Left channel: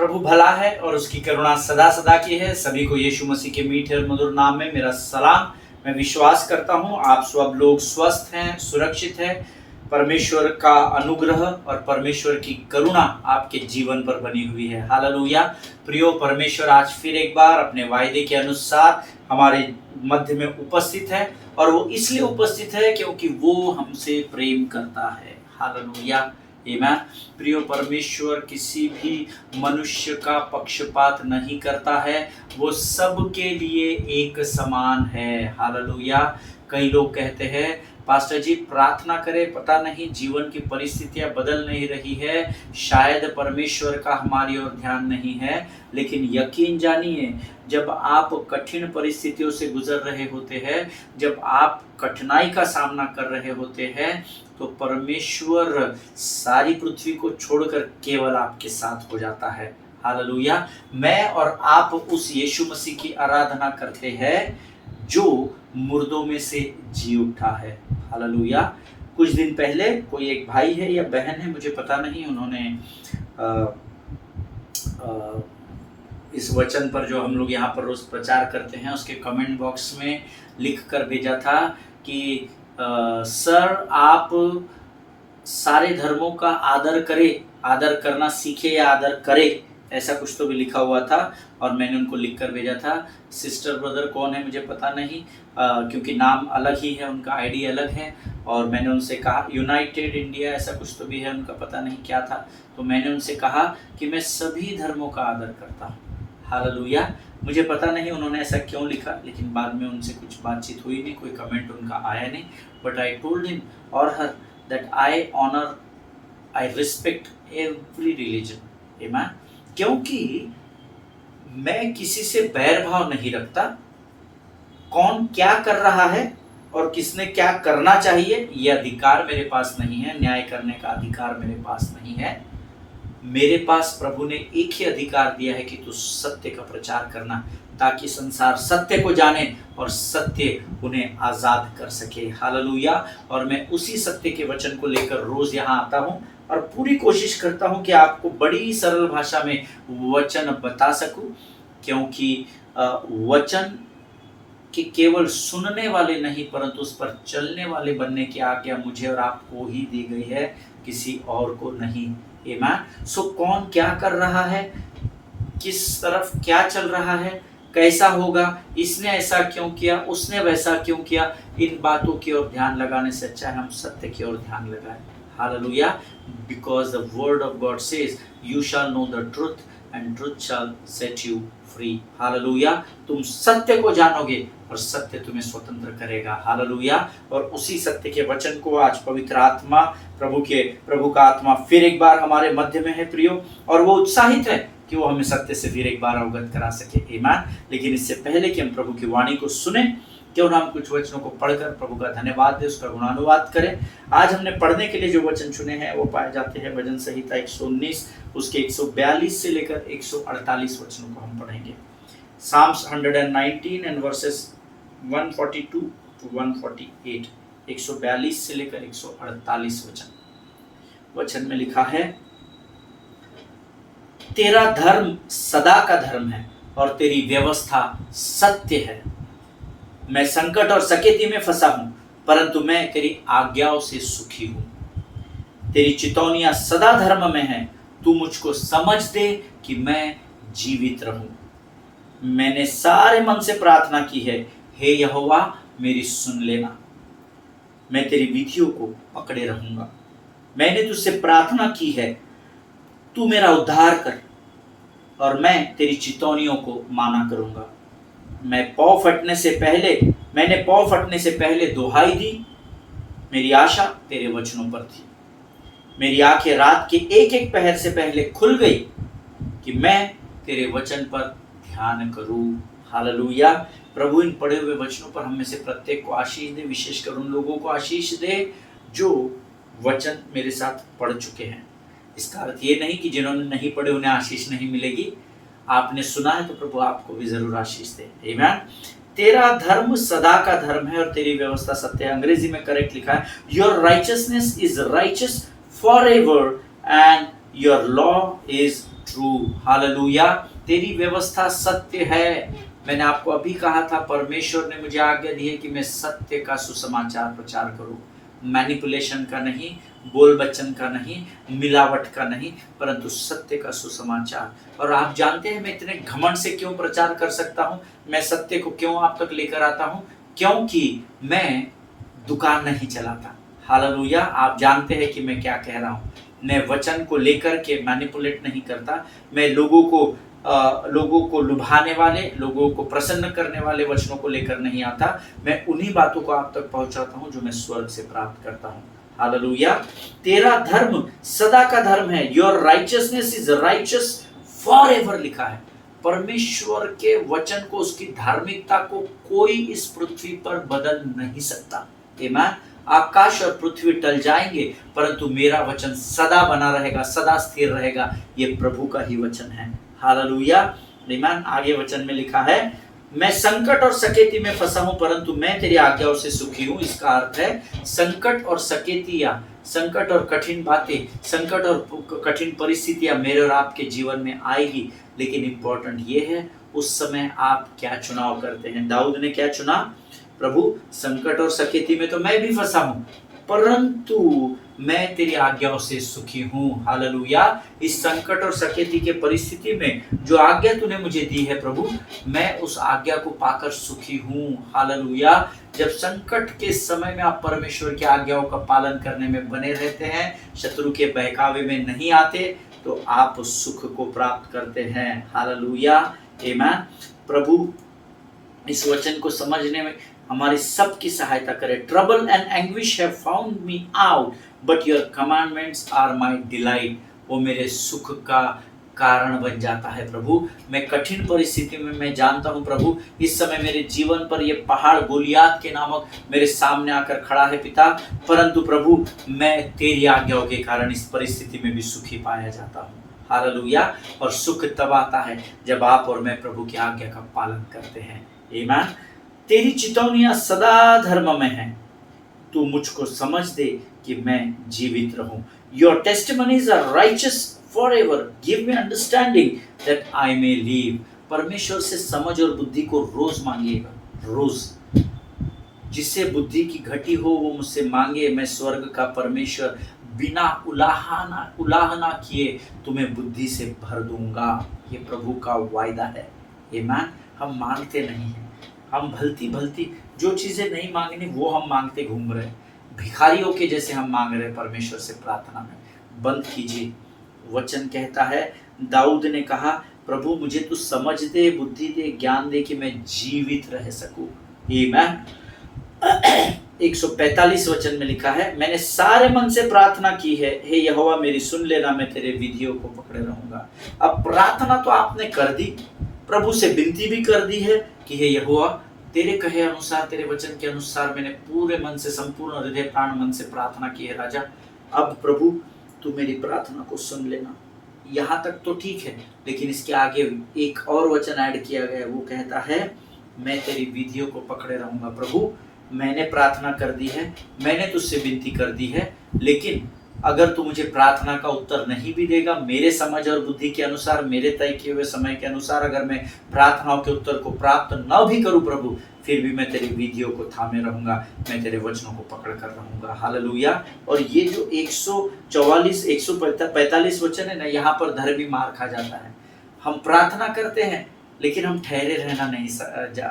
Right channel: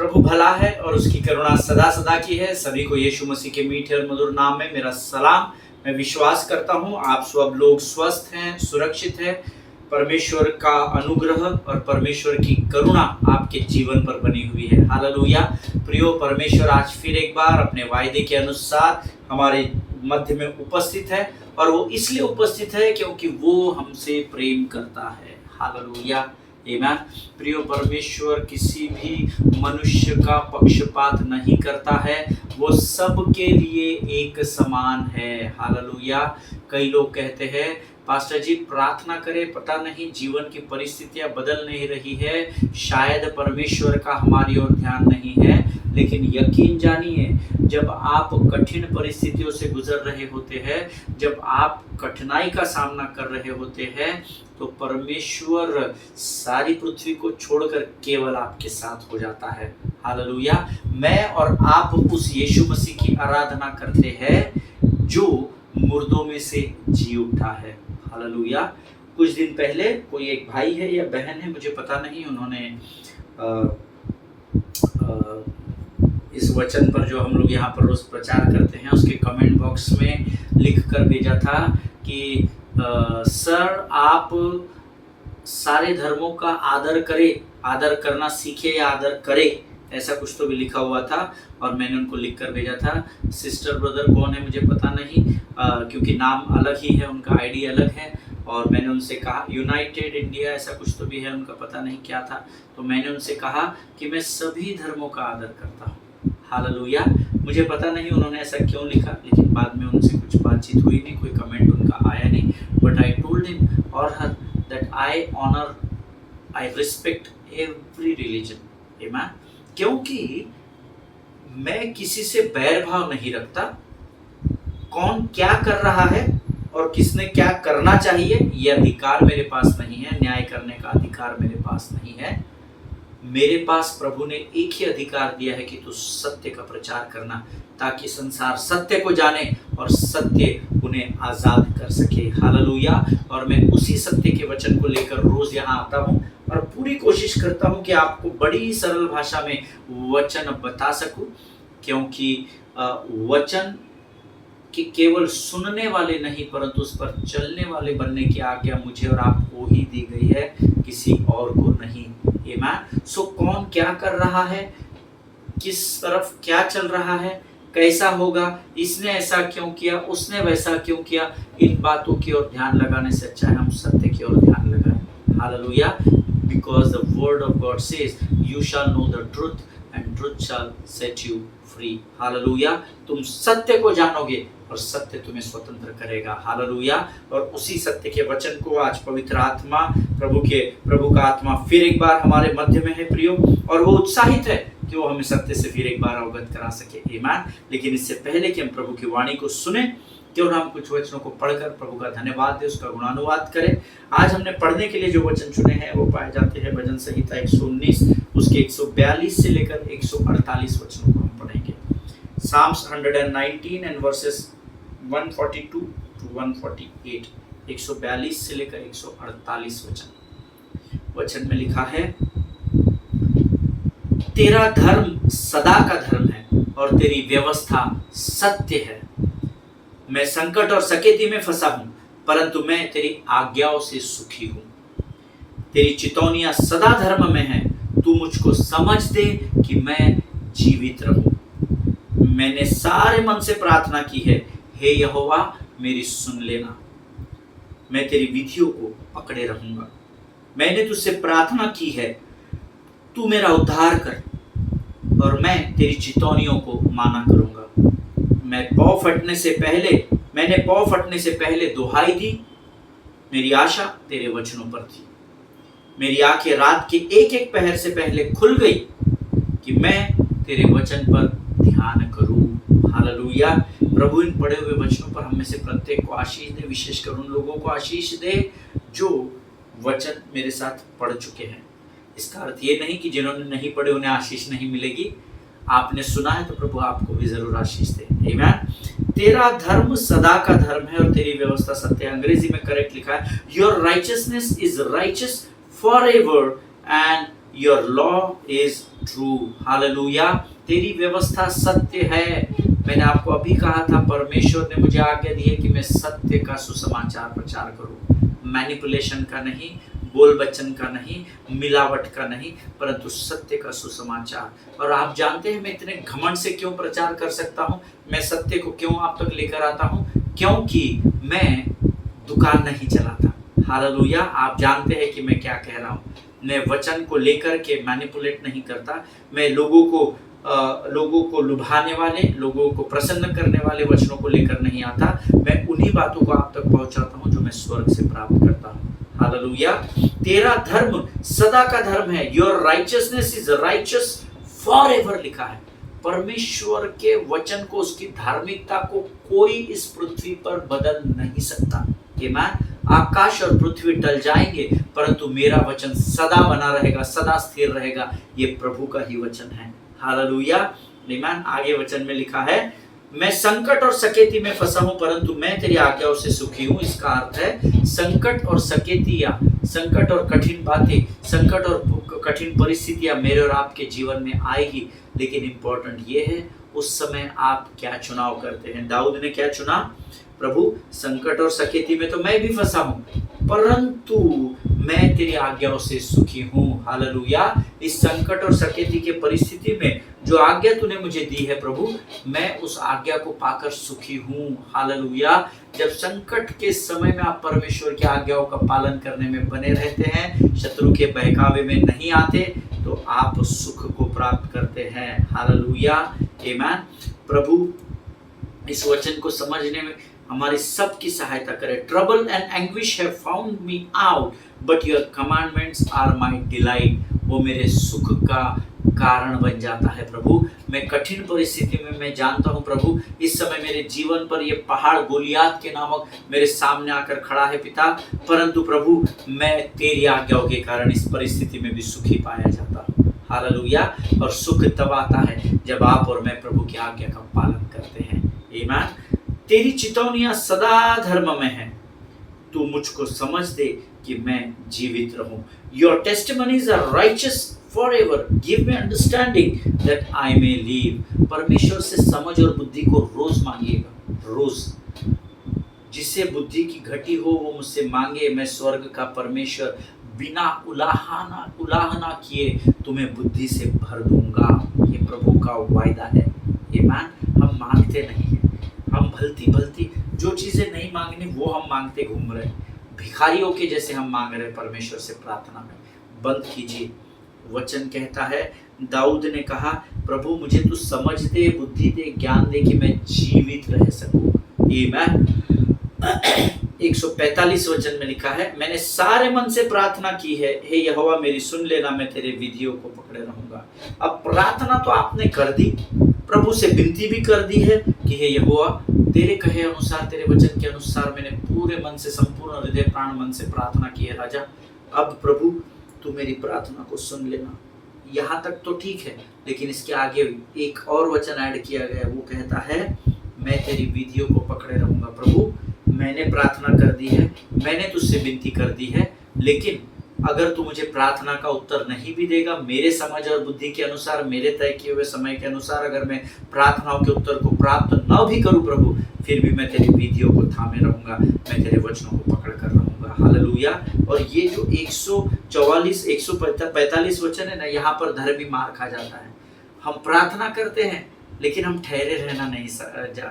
प्रभु भला है और उसकी करुणा सदा सदा की है। सभी को यीशु मसीह के मीठे और मधुर नाम में मेरा सलाम। मैं विश्वास करता हूँ आप सब लोग स्वस्थ हैं, सुरक्षित हैं। परमेश्वर का अनुग्रह और परमेश्वर की करुणा आपके जीवन पर बनी हुई है। हालेलुया। प्रियो, परमेश्वर आज फिर एक बार अपने वायदे के अनुसार हमारे मध्य में उपस्थित है, और वो इसलिए उपस्थित है क्योंकि वो हमसे प्रेम करता है। हालेलुया, आमीन। प्रियो, परमेश्वर किसी भी मनुष्य का पक्षपात नहीं करता है, वो सबके लिए एक समान है। हालेलुया। कई लोग कहते हैं पास्टर जी प्रार्थना करें, पता नहीं जीवन की परिस्थितियां बदल नहीं रही है, शायद परमेश्वर का हमारी ओर ध्यान नहीं है। लेकिन यकीन जानिए, जब आप कठिन परिस्थितियों से गुजर रहे होते हैं, जब आप कठिनाई का सामना कर रहे होते हैं, तो परमेश्वर सारी पृथ्वी को छोड़कर केवल आपके साथ हो जाता है। हालेलुया। मैं और आप उस यीशु मसीह की आराधना करते हैं जो मुर्दों में से जी उठा है। हालेलुया। कुछ दिन पहले कोई एक भाई है या बहन है, मुझे पता नहीं, उन्होंने इस वचन पर जो हम लोग यहाँ पर रोज प्रचार करते हैं उसके कमेंट बॉक्स में लिख कर भेजा था कि सर आप सारे धर्मों का आदर करें, आदर करना सीखे या आदर करें, ऐसा कुछ तो भी लिखा हुआ था। और मैंने उनको लिख कर भेजा था। सिस्टर ब्रदर कौन है मुझे पता नहीं, क्योंकि नाम अलग ही है, उनका आईडी अलग है। और मैंने उनसे कहा यूनाइटेड इंडिया ऐसा कुछ तो भी है उनका, पता नहीं क्या था। तो मैंने उनसे कहा कि मैं सभी धर्मों का आदर करता हूँ। हालेलुया। मुझे पता नहीं उन्होंने ऐसा क्यों लिखा, लेकिन बाद में उनसे कुछ बातचीत हुई नहीं, कोई कमेंट उनका आया नहीं। But I told him or her that I honour, I respect every religion. आमीन। क्योंकि मैं किसी से बैर भाव नहीं रखता। कौन क्या कर रहा है और किसने क्या करना चाहिए, ये अधिकार मेरे पास नहीं है। न्याय करने का अधिकार मेरे पास नहीं है। मेरे पास प्रभु ने एक ही अधिकार दिया है कि तू सत्य का प्रचार करना, ताकि संसार सत्य को जाने और सत्य उन्हें आजाद कर सके। हालेलुया। और मैं उसी सत्य के वचन को लेकर रोज यहाँ आता हूँ और पूरी कोशिश करता हूँ कि आपको बड़ी सरल भाषा में वचन बता सकूं, क्योंकि वचन कि केवल सुनने वाले नहीं परंतु उस पर चलने वाले बनने की आज्ञा मुझे और आपको ही दी गई है, किसी और को नहीं। आमीन। सो कौन क्या कर रहा है, किस तरफ क्या चल रहा है, कैसा होगा, इसने ऐसा क्यों किया, उसने वैसा क्यों किया, इन बातों की ओर ध्यान लगाने से अच्छा है हम सत्य की ओर ध्यान लगाएं। Hallelujah. Because the word of God says, you shall know the truth and truth shall set you free. Hallelujah. तुम सत्य को जानोगे और सत्य तुम्हें स्वतंत्र करेगा। हालेलुया। और उसी सत्य के वचन को आज पवित्र आत्मा, प्रभु का आत्मा फिर एक बार हमारे मध्य में है प्रियो, और वो उत्साहित है कि वो हमें सत्य से फिर एक बार अवगत करा सके। आमीन। लेकिन इससे पहले कि हम प्रभु की वाणी को सुने, क्यों ना हम कुछ वचनों को पढ़कर प्रभु का धन्यवाद दें, उसका गुणानुवाद करें। आज हमने पढ़ने के लिए जो वचन चुने हैं वो पाए जाते हैं भजन संहिता 119 उसके 142 से लेकर 148 वचनों को हम पढ़ेंगे। Psalms 119 and verses 142 to 148, 142 से लेकर 148 वचन में लिखा है, तेरा धर्म सदा का धर्म है और तेरी व्यवस्था सत्य है। मैं संकट और सकेती में फंसा हूं, परंतु मैं तेरी आज्ञाओं से सुखी हूं। तेरी चितौनियां सदा धर्म में है, तू मुझको समझ दे कि मैं जीवित रहूं। मैंने सारे मन से प्रार्थना की है, हे यहोवा मेरी सुन लेना। मैं तेरी विधियों को पकड़े रहूंगा। मैंने तुझसे प्रार्थना की है, तू मेरा उद्धार कर, और मैं तेरी चितौनियों को माना करूंगा। मैंने पाँव फटने से पहले दुहाई दी, मेरी आशा तेरे वचनों पर थी। मेरी आंखें रात के एक एक पहर से पहले खुल गई कि मैं तेरे वचन पर ध्यान करूं। हालेलुया। प्रभु इन पढ़े हुए वचनों पर हम में से प्रत्येक को आशीष दे, विशेषकर उन लोगों को आशीष दे जो वचन मेरे साथ पढ़ चुके हैं। इसका अर्थ ये नहीं कि जिन्होंने नहीं पढ़े उन्हें आशीष नहीं मिलेगी। आपने सुना है तो प्रभु आपको भी जरूर आशीष दे। आमीन। तेरा धर्म सदा का धर्म है और तेरी व्यवस्था सत्य है। अंग्रेजी में करेक्ट लिखा है, your righteousness is righteous forever and your law is true. Hallelujah. तेरी व्यवस्था सत्य है। मैंने आपको अभी कहा था, परमेश्वर ने मुझे आज्ञा दी है कि मैं सत्य का सुसमाचार प्रचार करूं, मैनिपुलेशन का नहीं, बोल बच्चन का नहीं, मिलावट का नहीं, परंतु सत्य का सुसमाचार। और आप जानते हैं मैं इतने घमंड से क्यों प्रचार कर सकता हूं, मैं सत्य को क्यों आप तक लेकर आता हूं? क्योंकि मैं दुकान नहीं चलाता। हालेलुया। आप जानते हैं कि मैं क्या कह रहा हूं। मैं वचन को लेकर के मैनिपुलेट नहीं करता। मैं लोगों को लुभाने वाले, लोगों को प्रसन्न करने वाले वचनों को लेकर नहीं आता। मैं उन्हीं बातों को आप तक पहुंचाता हूं जो मैं स्वर्ग से प्राप्त करता हूं। हालेलुया। तेरा धर्म सदा का धर्म है। Your righteousness is righteous for ever लिखा है। परमेश्वर के वचन को, उसकी धार्मिकता को कोई इस पृथ्वी पर बदल नहीं सकता। आमीन। आकाश और पृथ्वी टल जाएंगे परंतु मेरा वचन सदा बना रहेगा, सदा स्थिर रहेगा। ये प्रभु का ही वचन है। हालेलुया। आमीन। आगे वचन में लिखा है, मैं संकट और सकेती में फंसा हूं परंतु मैं तेरी आज्ञाओं से सुखी हूं। इसका अर्थ है संकट और सकेतियां, संकट और कठिन बातें, संकट और कठिन परिस्थितियां मेरे और आपके जीवन में आएगी, लेकिन इंपॉर्टेंट ये है उस समय आप क्या चुनाव करते हैं। दाऊद ने क्या चुना? प्रभु संकट और सकेती में तो मैं भी फंसा हूं परंतु मैं तेरी आज्ञाओं से सुखी हूं। हालेलुया। इस संकट और सकेती के परिस्थिति में जो आज्ञा तूने मुझे दी है प्रभु, मैं उस आज्ञा को पाकर सुखी हूं। हालेलुया। जब संकट के समय में आप परमेश्वर की आज्ञाओं का पालन करने में बने रहते हैं, शत्रु के बहकावे में नहीं आते, तो आप सुख को प्राप्त करते हैं। हालेलुया। आमीन। प्रभु इस वचन को समझने में हमारी सबकी सहायता करे। Trouble and anguish have found me out but your commandments are my delight. वो मेरे सुख का कारण बन जाता है प्रभु। मैं कठिन परिस्थिति में मैं जानता हूँ प्रभु, इस समय मेरे जीवन पर ये पहाड़ गोलियात के नामक मेरे सामने आकर खड़ा है पिता, परंतु प्रभु मैं तेरी आज्ञाओं के कारण इस परिस्थिति में भी सुखी पाया जाता हूँ। हालेलुया। और सुख तब आता है जब आप और मैं प्रभु की आज्ञा का पालन करते हैं। आमीन। तेरी चितौनियां सदा धर्म में है। तू मुझको समझ दे कि मैं जीवित रहूं। Your testimonies are righteous forever. Give me understanding that I may live. परमेश्वर से समझ और बुद्धि को रोज मांगिएगा, रोज। जिससे बुद्धि की घटी हो वो मुझसे मांगे। मैं स्वर्ग का परमेश्वर बिना उलाहना किए तुम्हें बुद्धि से भर दूंगा। ये प्रभु का वायदा है। आमीन। हम मांगते नहीं हैं, हम भलती जो चीजें नहीं मांगनी वो हम मांगते घूम रहे, भिखारियों के जैसे हम मांग रहे परमेश्वर से प्रार्थना में। बंद कीजिए। वचन कहता है, दाऊद ने कहा, प्रभु मुझे तू समझ दे, बुद्धि दे, ज्ञान दे कि मैं जीवित रह सकूं। आमीन। 145 वचन में लिखा है, मैंने सारे मन से प्रार्थना की है, हे यहोवा मेरी सुन लेना, मैं तेरे विधियों को पकड़े रहूंगा। अब प्रार्थना तो आपने कर दी, प्रभु से विनती भी कर दी है कि हे यहोवा तेरे कहे अनुसार, तेरे वचन के अनुसार मैंने पूरे मन से, संपूर्ण हृदय प्राण मन से प्रार्थना की है राजा। अब प्रभु तू मेरी प्रार्थना को सुन लेना। यहाँ तक तो ठीक है, लेकिन इसके आगे एक और वचन ऐड किया गया, वो कहता है मैं तेरी विधियों को पकड़े रहूंगा। प्रभु मैंने प्रार्थना कर दी है, मैंने तुझसे विनती कर दी है, लेकिन अगर तू मुझे प्रार्थना का उत्तर नहीं भी देगा, मेरे समझ और बुद्धि के अनुसार, मेरे तय किए हुए समय के अनुसार, अगर मैं प्रार्थनाओं के उत्तर को प्राप्त न भी करूं प्रभु, फिर भी मैं तेरी विधियों को थामे रहूंगा, मैं तेरे वचनों को पकड़ कर रहूंगा। हालेलुया। और ये जो 145 वचन है ना, यहाँ पर धर्मी मार खा जाता है। हम प्रार्थना करते हैं लेकिन हम ठहरे रहना नहीं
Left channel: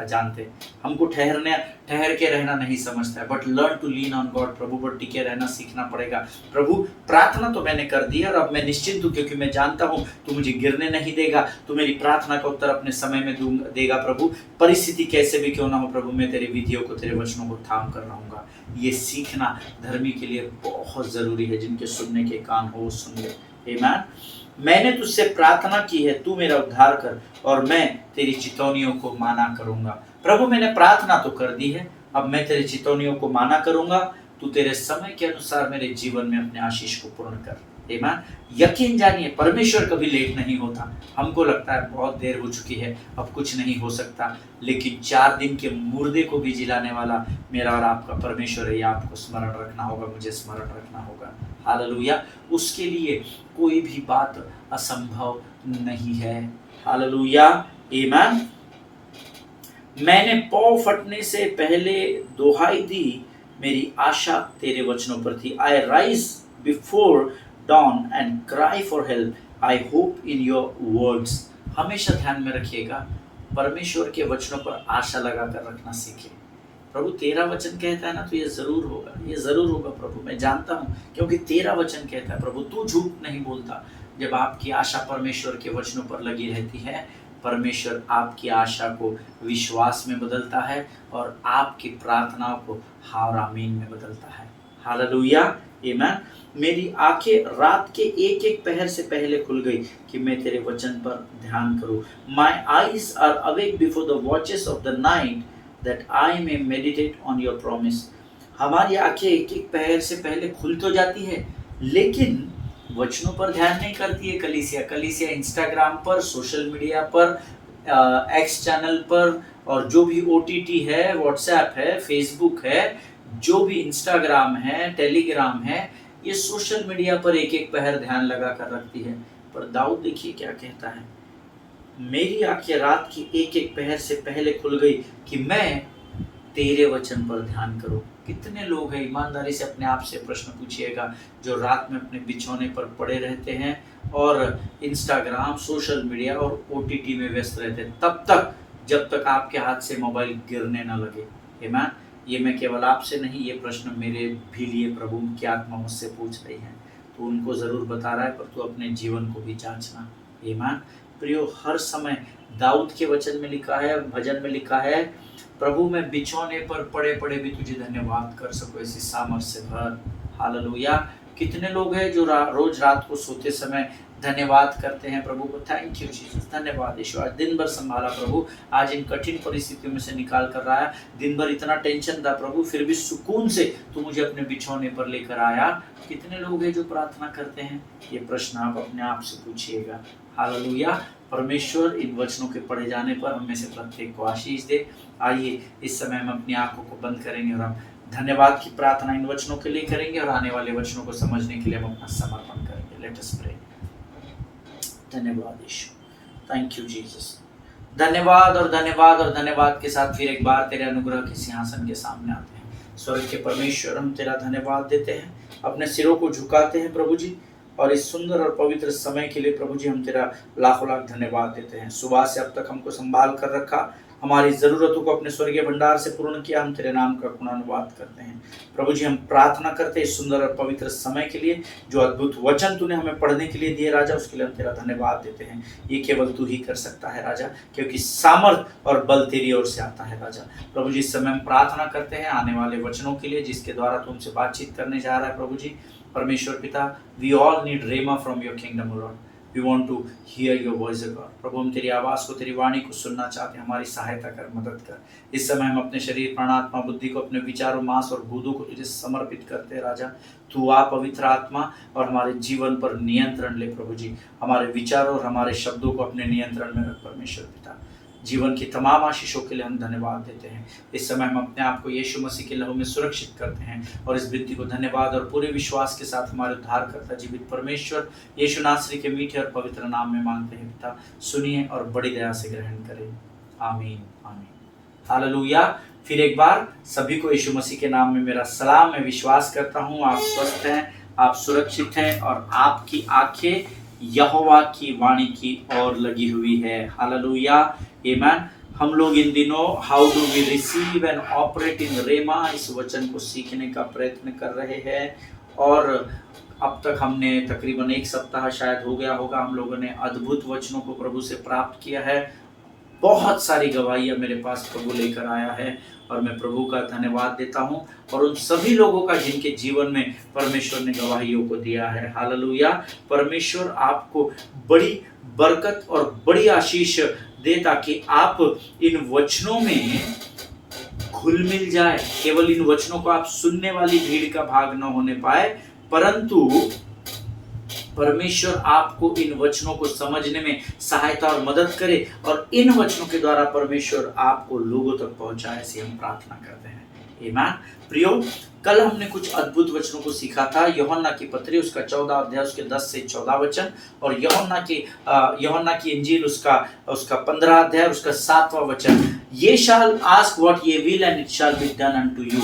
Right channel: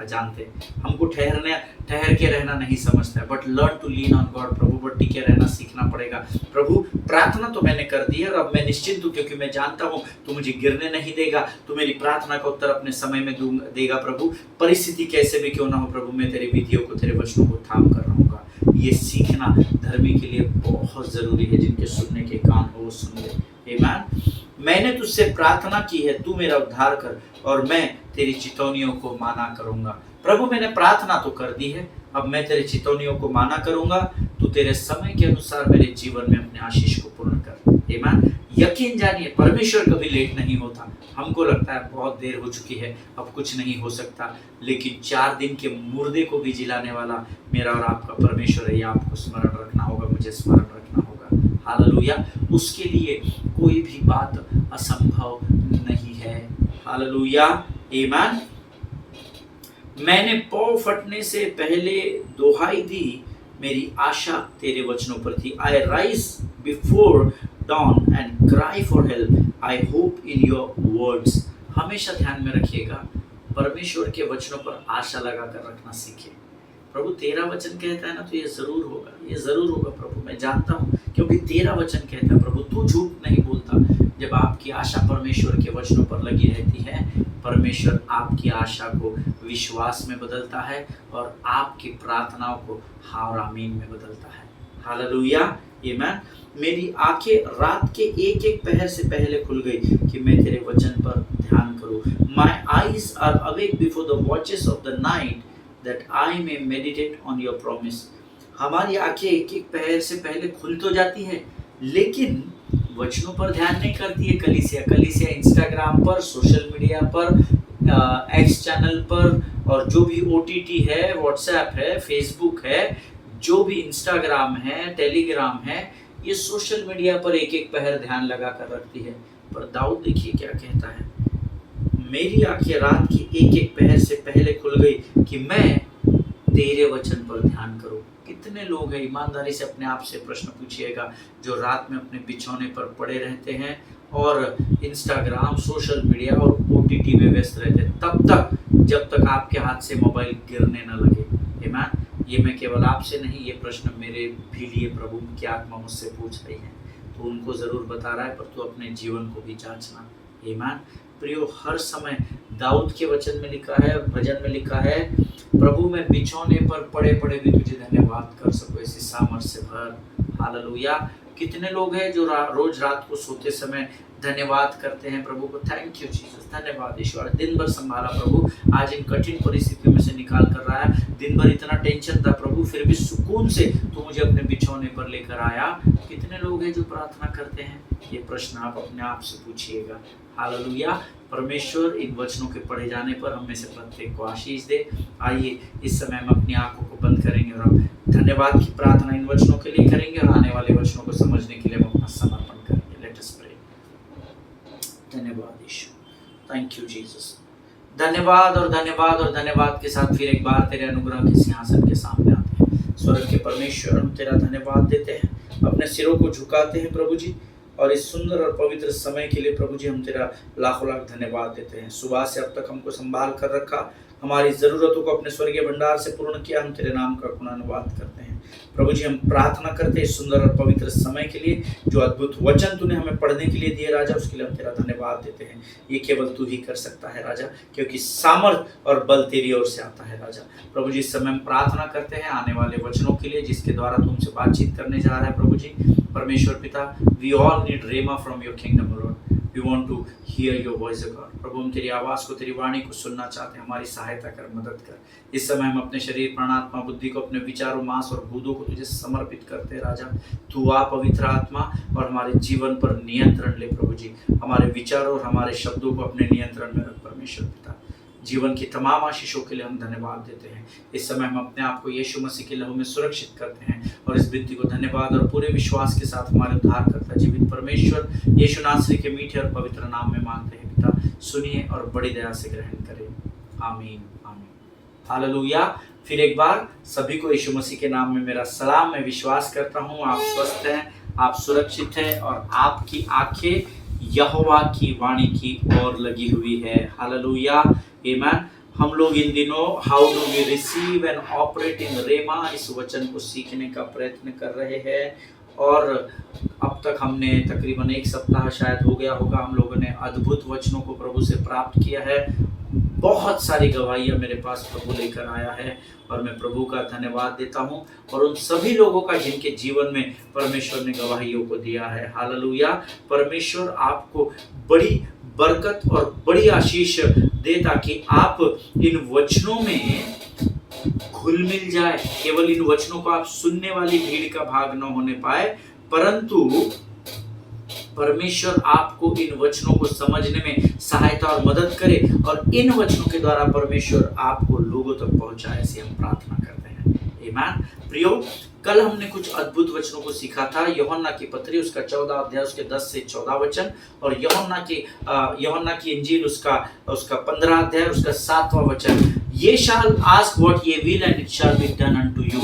जानते, हमको ठहर के रहना नहीं समझता है। But learn to lean on God. प्रभु पर टिके रहना सीखना पड़ेगा। प्रभु प्रार्थना तो मैंने कर दी है और अब मैं निश्चिंत हूँ, क्योंकि मैं जानता हूँ तू मुझे गिरने नहीं देगा, तू मेरी प्रार्थना का उत्तर अपने समय में देगा। प्रभु परिस्थिति कैसे भी क्यों ना हो प्रभु, मैं तेरी विधियों को, तेरे वचनों को थाम कर रहूंगा। ये सीखना धर्मी के लिए बहुत जरूरी है। जिनके सुनने के कान हो वो सुन ले। आमीन। मैंने तुझसे प्रार्थना की है, तू मेरा उद्धार कर और मैं तेरी चितौनियों को माना करूंगा। प्रभु मैंने प्रार्थना तो कर दी है, अब मैं तेरे चितौनियों को माना करूंगा। तू तेरे समय के अनुसार मेरे जीवन में अपने आशीष को पूर्ण कर। आमीन। यकीन जानिए परमेश्वर कभी लेट नहीं होता। हमको लगता है बहुत देर हो चुकी है, अब कुछ नहीं हो सकता, लेकिन 4 दिन के मुर्दे को भी जिलाने वाला मेरा और आपका परमेश्वर है। ये आपको स्मरण रखना होगा, मुझे स्मरण रखना होगा। हालेलुया। उसके लिए कोई भी बात असंभव नहीं है। हालेलुया, आमीन। मैंने पौ फटने से पहले दुहाई दी, मेरी आशा तेरे वचनों पर थी। आई rise before don and cry for help, I hope in your words. हमेशा ध्यान में रखिएगा, परमेश्वर के वचनों पर आशा लगाकर रखना सीखें। प्रभु तेरा वचन कहता है ना, तो ये जरूर होगा, ये जरूर होगा प्रभु, मैं जानता हूँ, क्योंकि तेरा वचन कहता है प्रभु, तू झूठ नहीं बोलता। जब आपकी आशा परमेश्वर के वचनों पर लगी रहती है, परमेश्वर आपकी आशा को विश्वास में बदलता है और आपकी प्रार्थनाओं को हाँ और आमीन में बदलता है। हालेलुया, आमीन। मेरी आंखें रात के एक एक पहर से पहले खुल गई कि मैं तेरे वचन पर ध्यान करूं। My eyes are awake before the watches of the night that I may meditate on your promise। हमारी आंखें एक एक पहर से पहले खुल तो जाती है, लेकिन वचनों पर ध्यान नहीं करती है कलीसिया इंस्टाग्राम पर, सोशल मीडिया पर, एक्स चैनल पर, और जो भी OTT है, व्हाट्सएप है, फेसबुक है, जो भी इंस्टाग्राम है, टेलीग्राम है, ये सोशल मीडिया पर एक एक पहर ध्यान लगा कर रखती है। पर दाऊद देखिए क्या कहता है, मेरी आंखें रात की एक एक पहर से पहले खुल गई कि मैं तेरे वचन पर ध्यान करूं। कितने लोग हैं, ईमानदारी से अपने आप से प्रश्न पूछिएगा, जो रात में अपने बिछौने पर पड़े रहते हैं और इंस्टाग्राम, सोशल मीडिया और OTT में व्यस्त रहते हैं, तब तक जब तक आपके हाथ से मोबाइल गिरने न लगे। आमीन। ये मैं केवल आपसे नहीं, ये प्रश्न मेरे भी लिए प्रभु की आत्मा मुझसे पूछ रही है, तो उनको ज़रूर बता रहा है, पर तू अपने जीवन को भी जांचना। आमीन। प्रियो, हर समय दाऊद के वचन में लिखा है, भजन में लिखा है, प्रभु मैं बिछौने पर पड़े पड़े भी तुझे धन्यवाद कर सकूं ऐसी सामर्थ से भर। हालेलुया। कितने लोग हैं जो रोज रात को सोते समय धन्यवाद करते हैं प्रभु को, थैंक यू जीसस, धन्यवाद यीशु, आज दिन भर संभाला प्रभु, आज इन कठिन परिस्थितियों में से निकाल कर रहा है, दिन भर इतना टेंशन था प्रभु, फिर भी सुकून से तू मुझे अपने बिछौने पर लेकर आया। कितने लोग हैं जो प्रार्थना करते हैं, ये प्रश्न आप अपने आप से पूछिएगा। हालेलुया। परमेश्वर इन वचनों के पढ़े जाने पर हम में से प्रत्येक को आशीष दे। आइए इस समय हम अपनी आंखों को बंद करेंगे और हम धन्यवाद की प्रार्थना इन वचनों के लिए करेंगे और आने वाले वचनों को समझने के लिए हम अपना समर्पण करेंगे। Let us pray. धन्यवाद यीशु, थैंक यू जीसस। धन्यवाद और धन्यवाद और धन्यवाद के साथ फिर एक बार तेरे अनुग्रह के सिंहासन के सामने आते हैं। स्वर्ग के परमेश्वर, हम तेरा धन्यवाद देते हैं, अपने सिरों को झुकाते हैं प्रभु जी, और इस सुंदर और पवित्र समय के लिए प्रभु जी हम तेरा लाखों लाख धन्यवाद देते हैं। सुबह से अब तक हमको संभाल कर रखा, हमारी ज़रूरतों को अपने स्वर्गीय भंडार से पूर्ण किया, हम तेरे नाम का गुणानुवाद करते हैं प्रभु जी। हम प्रार्थना करते हैं इस सुंदर और पवित्र समय के लिए, जो अद्भुत वचन तूने हमें पढ़ने के लिए दिए राजा, उसके लिए हम तेरा धन्यवाद देते हैं। ये केवल तू ही कर सकता है राजा, क्योंकि सामर्थ और बल तेरी ओर से आता है राजा। प्रभु जी, इस समय हम प्रार्थना करते हैं आने वाले वचनों के लिए, जिसके द्वारा तुमसे बातचीत करने जा रहा है प्रभु जी। परमेश्वर पिता, we all need rhema from your kingdom Lord, we want to hear your voice God. प्रभु, हम तेरी आवाज़ को, तेरी वाणी को सुनना चाहते हैं, हमारी सहायता कर, मदद कर। इस समय हम अपने शरीर, प्राण, आत्मा, बुद्धि को, अपने विचारों, मांस और भूतों को तुझे समर्पित करते हैं राजा। तू आ पवित्र आत्मा और हमारे जीवन पर नियंत्रण ले प्रभु जी। हमारे विचारों और हमारे शब्दों को अपने नियंत्रण में रख परमेश्वर पिता। जीवन की तमाम आशीषों के लिए हम धन्यवाद देते हैं। इस समय हम अपने आप को यीशु मसीह के लहू में सुरक्षित करते हैं और इस विनती को धन्यवाद और पूरे विश्वास के साथ हमारे उद्धारकर्ता जीवित परमेश्वर यीशु नासरी के मीठे और पवित्र नाम में मांगते हैं पिता। सुनिए और बड़ी दया से ग्रहण करें। आमीन, आमीन, हालेलुया। फिर एक बार सभी को यीशु मसीह के नाम में मेरा सलाम। मैं विश्वास करता हूँ आप स्वस्थ हैं, आप सुरक्षित हैं और आपकी आंखें यहोवा की वाणी की ओर लगी हुई है। हालेलुया, आमीन। हम लोग इन दिनों how do we receive and operate in rhema, इस वचन को सीखने का प्रयत्न कर रहे हैं और अब तक हमने तकरीबन एक सप्ताह शायद हो गया होगा, हम लोगों ने अद्भुत वचनों को प्रभु से प्राप्त किया है। बहुत सारी गवाहियाँ मेरे पास प्रभु लेकर आया है और मैं प्रभु का धन्यवाद देता हूँ और उन सभी लोगों का जिनके जीवन में परमेश्वर ने गवाहियों को दिया है। हालेलुया। परमेश्वर आपको बड़ी बरकत और बड़ी आशीष दे ताकि आप इन वचनों में घुल मिल जाए। केवल इन वचनों को आप सुनने वाली भीड़ का भाग न होने पाए, परंतु परमेश्वर आपको इन वचनों को समझने में सहायता और मदद करे और इन वचनों के द्वारा परमेश्वर आपको लोगों तक पहुंचाए, ऐसी हम प्रार्थना करते हैं। आमीन। प्रियो, कल हमने कुछ अद्भुत वचनों को सीखा था। यूहन्ना की पत्री उसका 14 अध्याय उसके 10 से 14 वचन, और यूहन्ना की इंजील उसका 15 अध्याय उसका 7वां वचन। ये शाल ask what ye will and it shall be done unto you.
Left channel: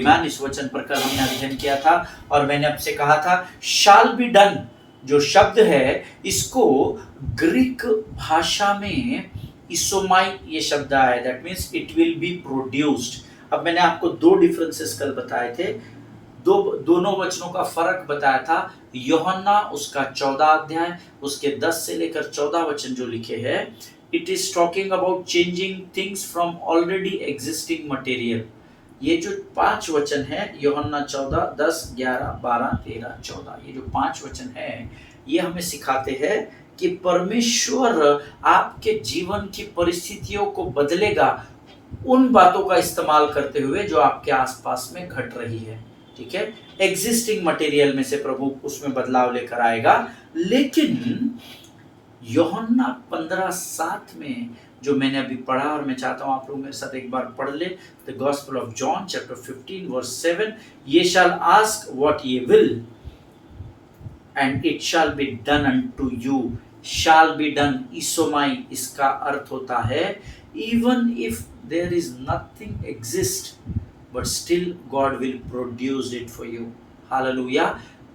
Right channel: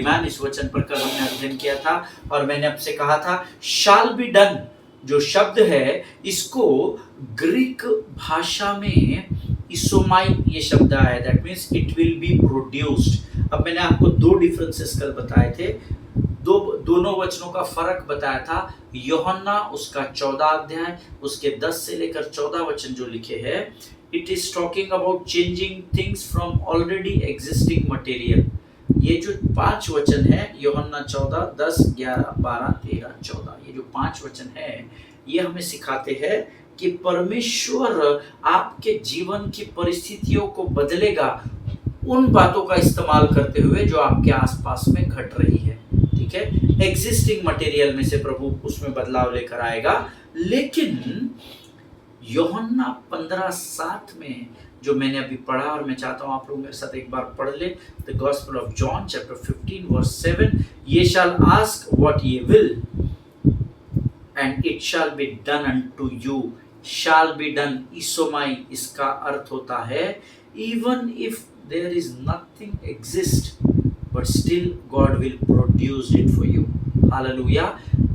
आमीन। इस वचन पर कल हमने अध्ययन किया था और मैंने आपसे कहा था शाल बी डन जो शब्द है, इसको ग्रीक भाषा में इसोमाई ये शब्द आया, that means it will be produced. अब मैंने आपको दो डिफरेंसेस कल बताए थे, दोनों वचनों का फर्क बताया था। यूहन्ना उसका 14 अध्याय उसके 10 से लेकर 14 वचन जो लिखे हैं, it is talking about changing things from already existing material. ये जो 5 वचन है, यूहन्ना 14, 10, 11, 12, 13, 14, ये जो 5 वचन है, ये हमें सिखाते हैं कि परमेश्वर आपके जीवन की परिस्थितियों को बदलेगा उन बातों का इस्तेमाल करते हुए जो आपके आसपास में घट रही है। ठीक है, एग्जिस्टिंग मटेरियल में से प्रभु उसमें बदलाव लेकर आएगा। लेकिन यूहन्ना 15:7 में जो मैंने अभी पढ़ा, और मैं चाहता हूं आप लोग मेरे साथ एक बार पढ़ ले, the gospel of John chapter 15 verse 7, ye shall ask what ye will and it shall be done unto you. Shall be done इसोमाई, इसका अर्थ होता है even if there is nothing exist but still God will produce it for you. Hallelujah.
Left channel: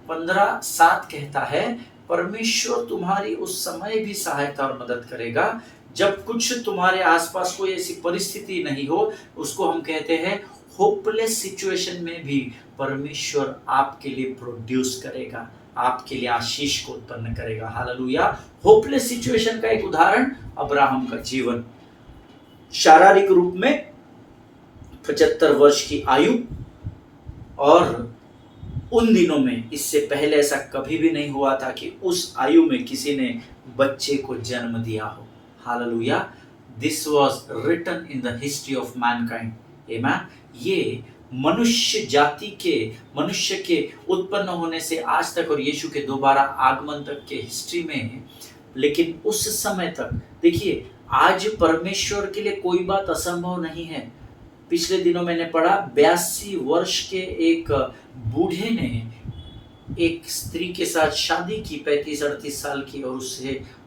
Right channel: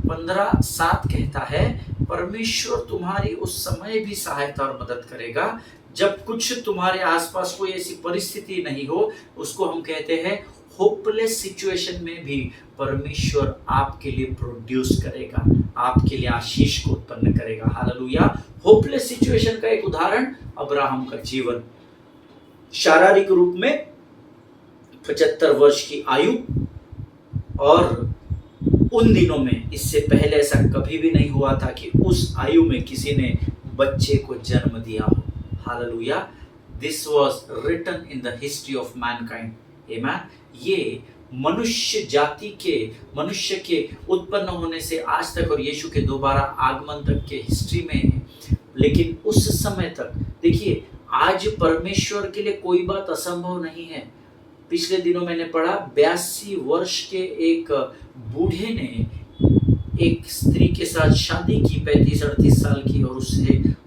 15:7 कहता है परमेश्वर तुम्हारी उस समय भी सहायता और मदद करेगा जब कुछ तुम्हारे आसपास कोई ऐसी परिस्थिति नहीं हो। उसको हम कहते हैं होपलेस सिचुएशन में भी परमेश्वर आपके लिए प्रोड्यूस करेगा, आपके लिए आशीष को उत्पन्न करेगा। हालेलुया। होपलेस सिचुएशन का एक उदाहरण अब्राहम का जीवन, शारीरिक रूप में 75 वर्ष की आयु, और उन दिनों में इससे पहले ऐसा कभी भी नहीं हुआ था कि उस आयु में किसी ने बच्चे को जन्म दिया हो। Hallelujah. This was written in the history of mankind. आमीन। ये मनुष्य के उत्पन्न होने से आज तक और यीशु के दोबारा आगमन तक के हिस्ट्री में, लेकिन उस समय तक देखिए, आज परमेश्वर के लिए कोई बात असंभव नहीं है। पिछले दिनों मैंने पढ़ा 82 वर्ष के एक बूढ़े ने एक स्त्री के साथ शादी की, 35-38 साल की, और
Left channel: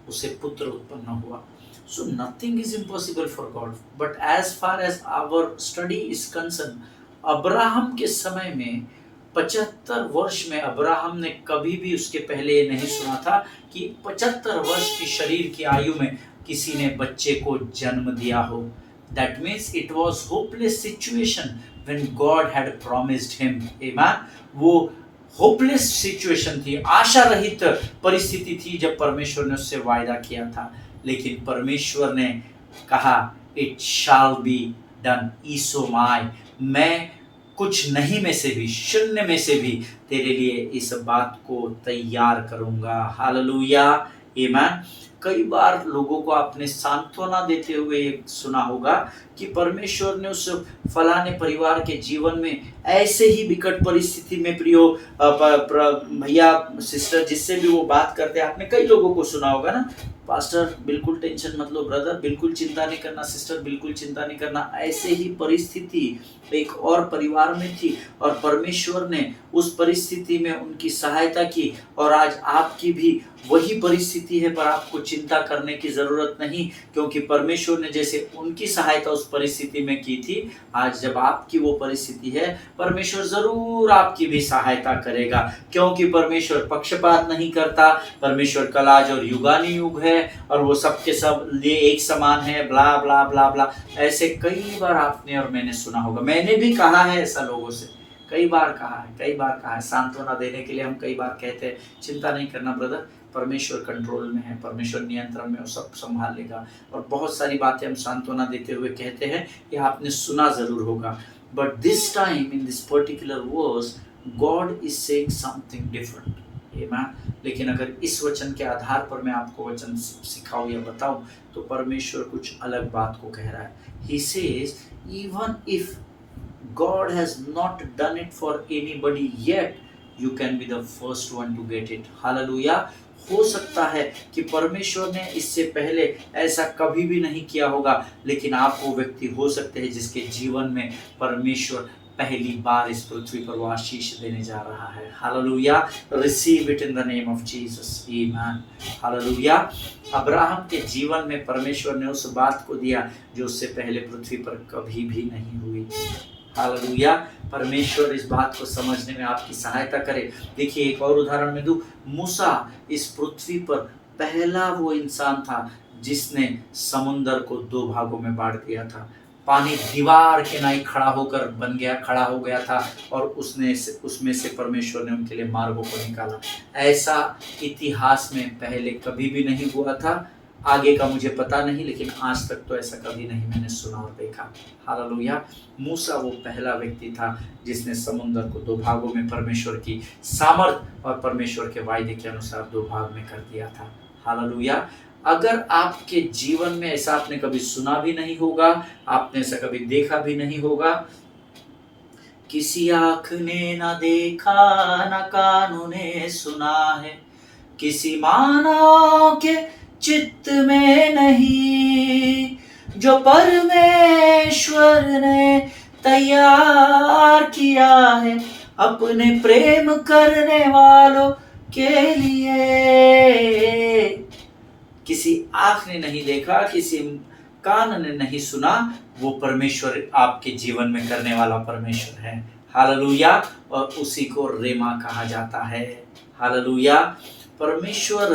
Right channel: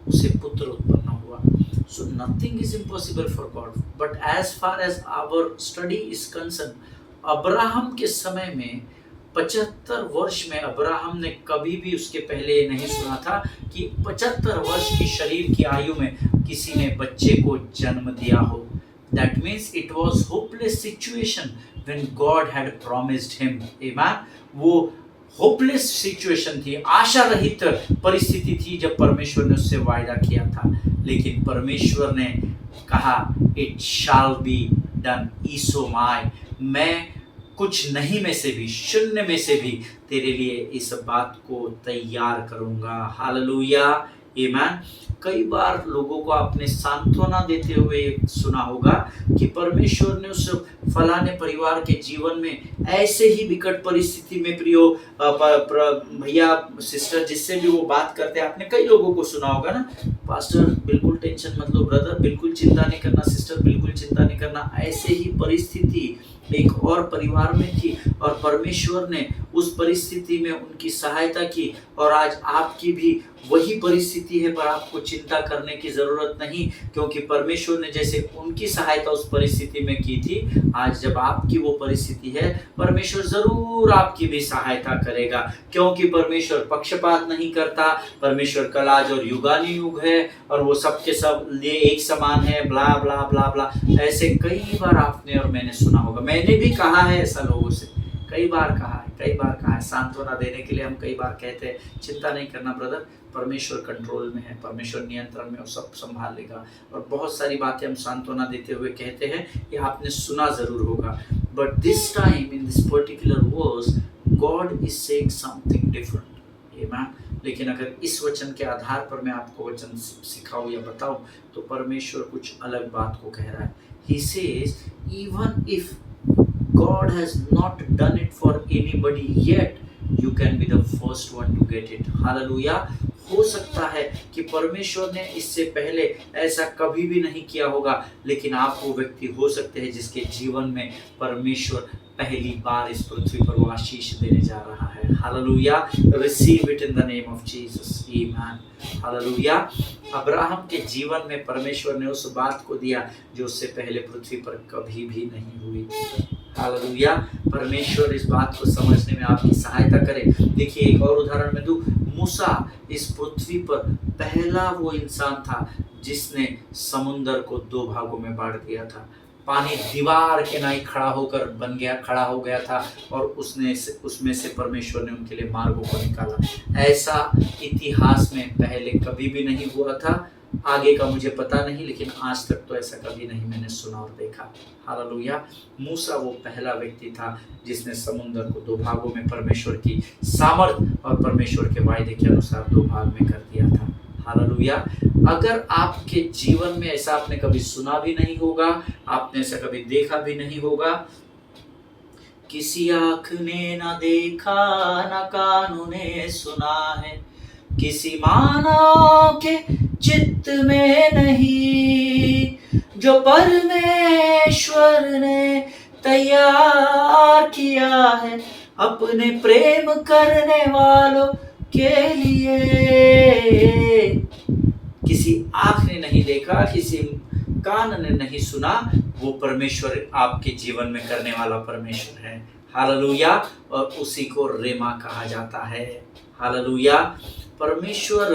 उसे पुत्र उत्पन्न हुआ। So nothing is impossible for God. But as far as our study is concern, Abraham के समय में 75 वर्ष में अब्राहम ने कभी भी उसके पहले ये नहीं सुना था कि 75 वर्ष की शरीर की आयु में किसी ने बच्चे को जन्म दिया हो। That means it was hopeless situation when God had promised him. Amen. वो होपलेस सिचुएशन थी, आशा रहित परिस्थिति थी जब परमेश्वर ने उससे वायदा किया था। लेकिन परमेश्वर ने कहा इट शैल बी डन ईसोमाई, मैं कुछ नहीं में से भी, शून्य में से भी तेरे लिए इस बात को तैयार करूंगा। हालेलुया। आमीन। कई बार लोगों को आपने सांत्वना देते हुए सुना होगा कि परमेश्वर ने उस फलाने परिवार के जीवन में ऐसे ही विकट परिस्थिति में, प्रियो भैया सिस्टर जिससे भी वो बात करते हैं, आपने कई लोगों को सुना होगा ना, पास्टर बिल्कुल टेंशन मत लो, ब्रदर बिल्कुल चिंता नहीं करना, सिस्टर बिल्कुल चिंता नहीं करना। ऐसे ही परिस्थिति एक और परिवार में थी और परमेश्वर ने उस परिस्थिति में उनकी सहायता की, और आज आपकी भी वही परिस्थिति है, पर आपको चिंता करने की जरूरत नहीं, क्योंकि परमेश्वर ने जैसे उनकी सहायता उस परिस्थिति में की थी, आज जब आपकी वो परिस्थिति है, परमेश्वर जरूर आपकी भी सहायता करेगा, क्योंकि परमेश्वर पक्षपात नहीं करता। परमेश्वर कल आज और युगानुयुग है, और वो सबके सब लिए एक समान है, ब्ला ब्ला ब्ला ब्ला। ऐसे कई बार आपने और मैंने सुना होगा, मैंने भी कहा है ऐसा लोगों से, कई बार कहा है। सांत्वना देने के लिए हम कई बार कहते हैं चिंता नहीं करना ब्रदर, परमेश्वर कंट्रोल में है, परमेश्वर नियंत्रण में, वो सब संभाल लेगा। और बहुत सारी बातें हम सांत्वना देते हुए कहते हैं, ये आपने सुना जरूर होगा। But this time in this particular verse God is saying something different. लेकिन अगर इस वचन के आधार पर मैं आपको वचन सिखाऊं या बताऊं, तो परमेश्वर कुछ अलग बात को कह रहा है। He says, even if God has not done it for anybody yet, you can be the first one to get it. Hallelujah. हो सकता है कि परमेश्वर ने इससे पहले ऐसा कभी भी नहीं किया होगा, लेकिन आप वो व्यक्ति हो सकते हैं जिसके जीवन में परमेश्वर पहली बार इस पृथ्वी पर वो आशीष देने जा रहा है। Hallelujah, receive it in the name of Jesus, आमीन। हालेलुया। अब्राहम के जीवन में परमेश्वर ने उस बात को दिया जो उससे पहले पृथ्वी पर कभी भी नहीं हुई। हालेलुया। परमेश्वर इस बात को समझने में आपकी सहायता करे। देखिए एक और उदाहरण में दूं, मूसा इस पृथ्वी पर पहला वो इंसान था जिसने समुंदर को 2 भागों में बांट दिया था। पानी दीवार के नाई खड़ा हो गया था और उसमें से परमेश्वर ने उनके लिए मार्गों को निकाला। ऐसा इतिहास में पहले कभी भी नहीं हुआ था। आगे का मुझे पता नहीं, लेकिन आज तक तो ऐसा कभी नहीं मैंने सुना और देखा। हालेलुया। मूसा वो पहला व्यक्ति था जिसने समुद्र को 2 भागों में परमेश्वर की सामर्थ और परमेश्वर के वायदे के अनुसार 2 भाग में कर दिया था। हालेलुया। अगर आपके जीवन में ऐसा आपने कभी सुना भी नहीं होगा, आपने ऐसा कभी देखा भी नहीं होगा, किसी आँख ने ना देखा ना कानों ने सुना है, किसी मानव के चित्त में नहीं, जो परमेश्वर ने तैयार किया है अपने प्रेम करने वालों के लिए। किसी आँख ने नहीं देखा, किसी कान ने नहीं सुना, वो परमेश्वर आपके जीवन में करने वाला परमेश्वर है। हालेलुया। और उसी को रेमा कहा जाता है। हालेलुया। परमेश्वर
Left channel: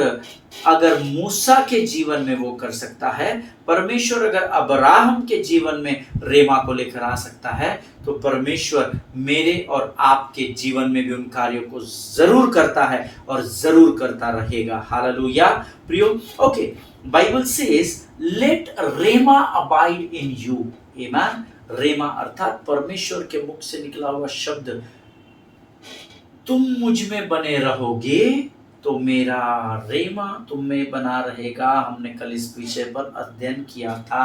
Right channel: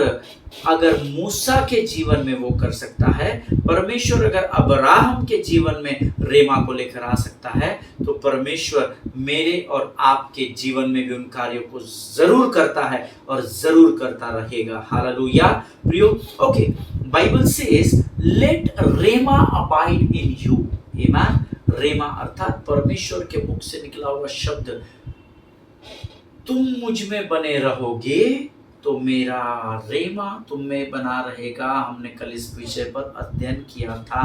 अगर मूसा के जीवन में वो कर सकता है, परमेश्वर अगर अब्राहम के जीवन में रेमा को लेकर आ सकता है, तो परमेश्वर मेरे और आपके जीवन में भी उन कार्यों को जरूर करता है और जरूर करता रहेगा। हालेलुया। प्रियो, okay, Bible says let rhema abide in you. आमीन। रेमा अर्थात परमेश्वर के मुख से निकला हुआ शब्द, तुम मुझ में बने रहोगे तो मेरा रेमा तुम में बना रहेगा। हमने कल इस विषय पर अध्ययन किया था।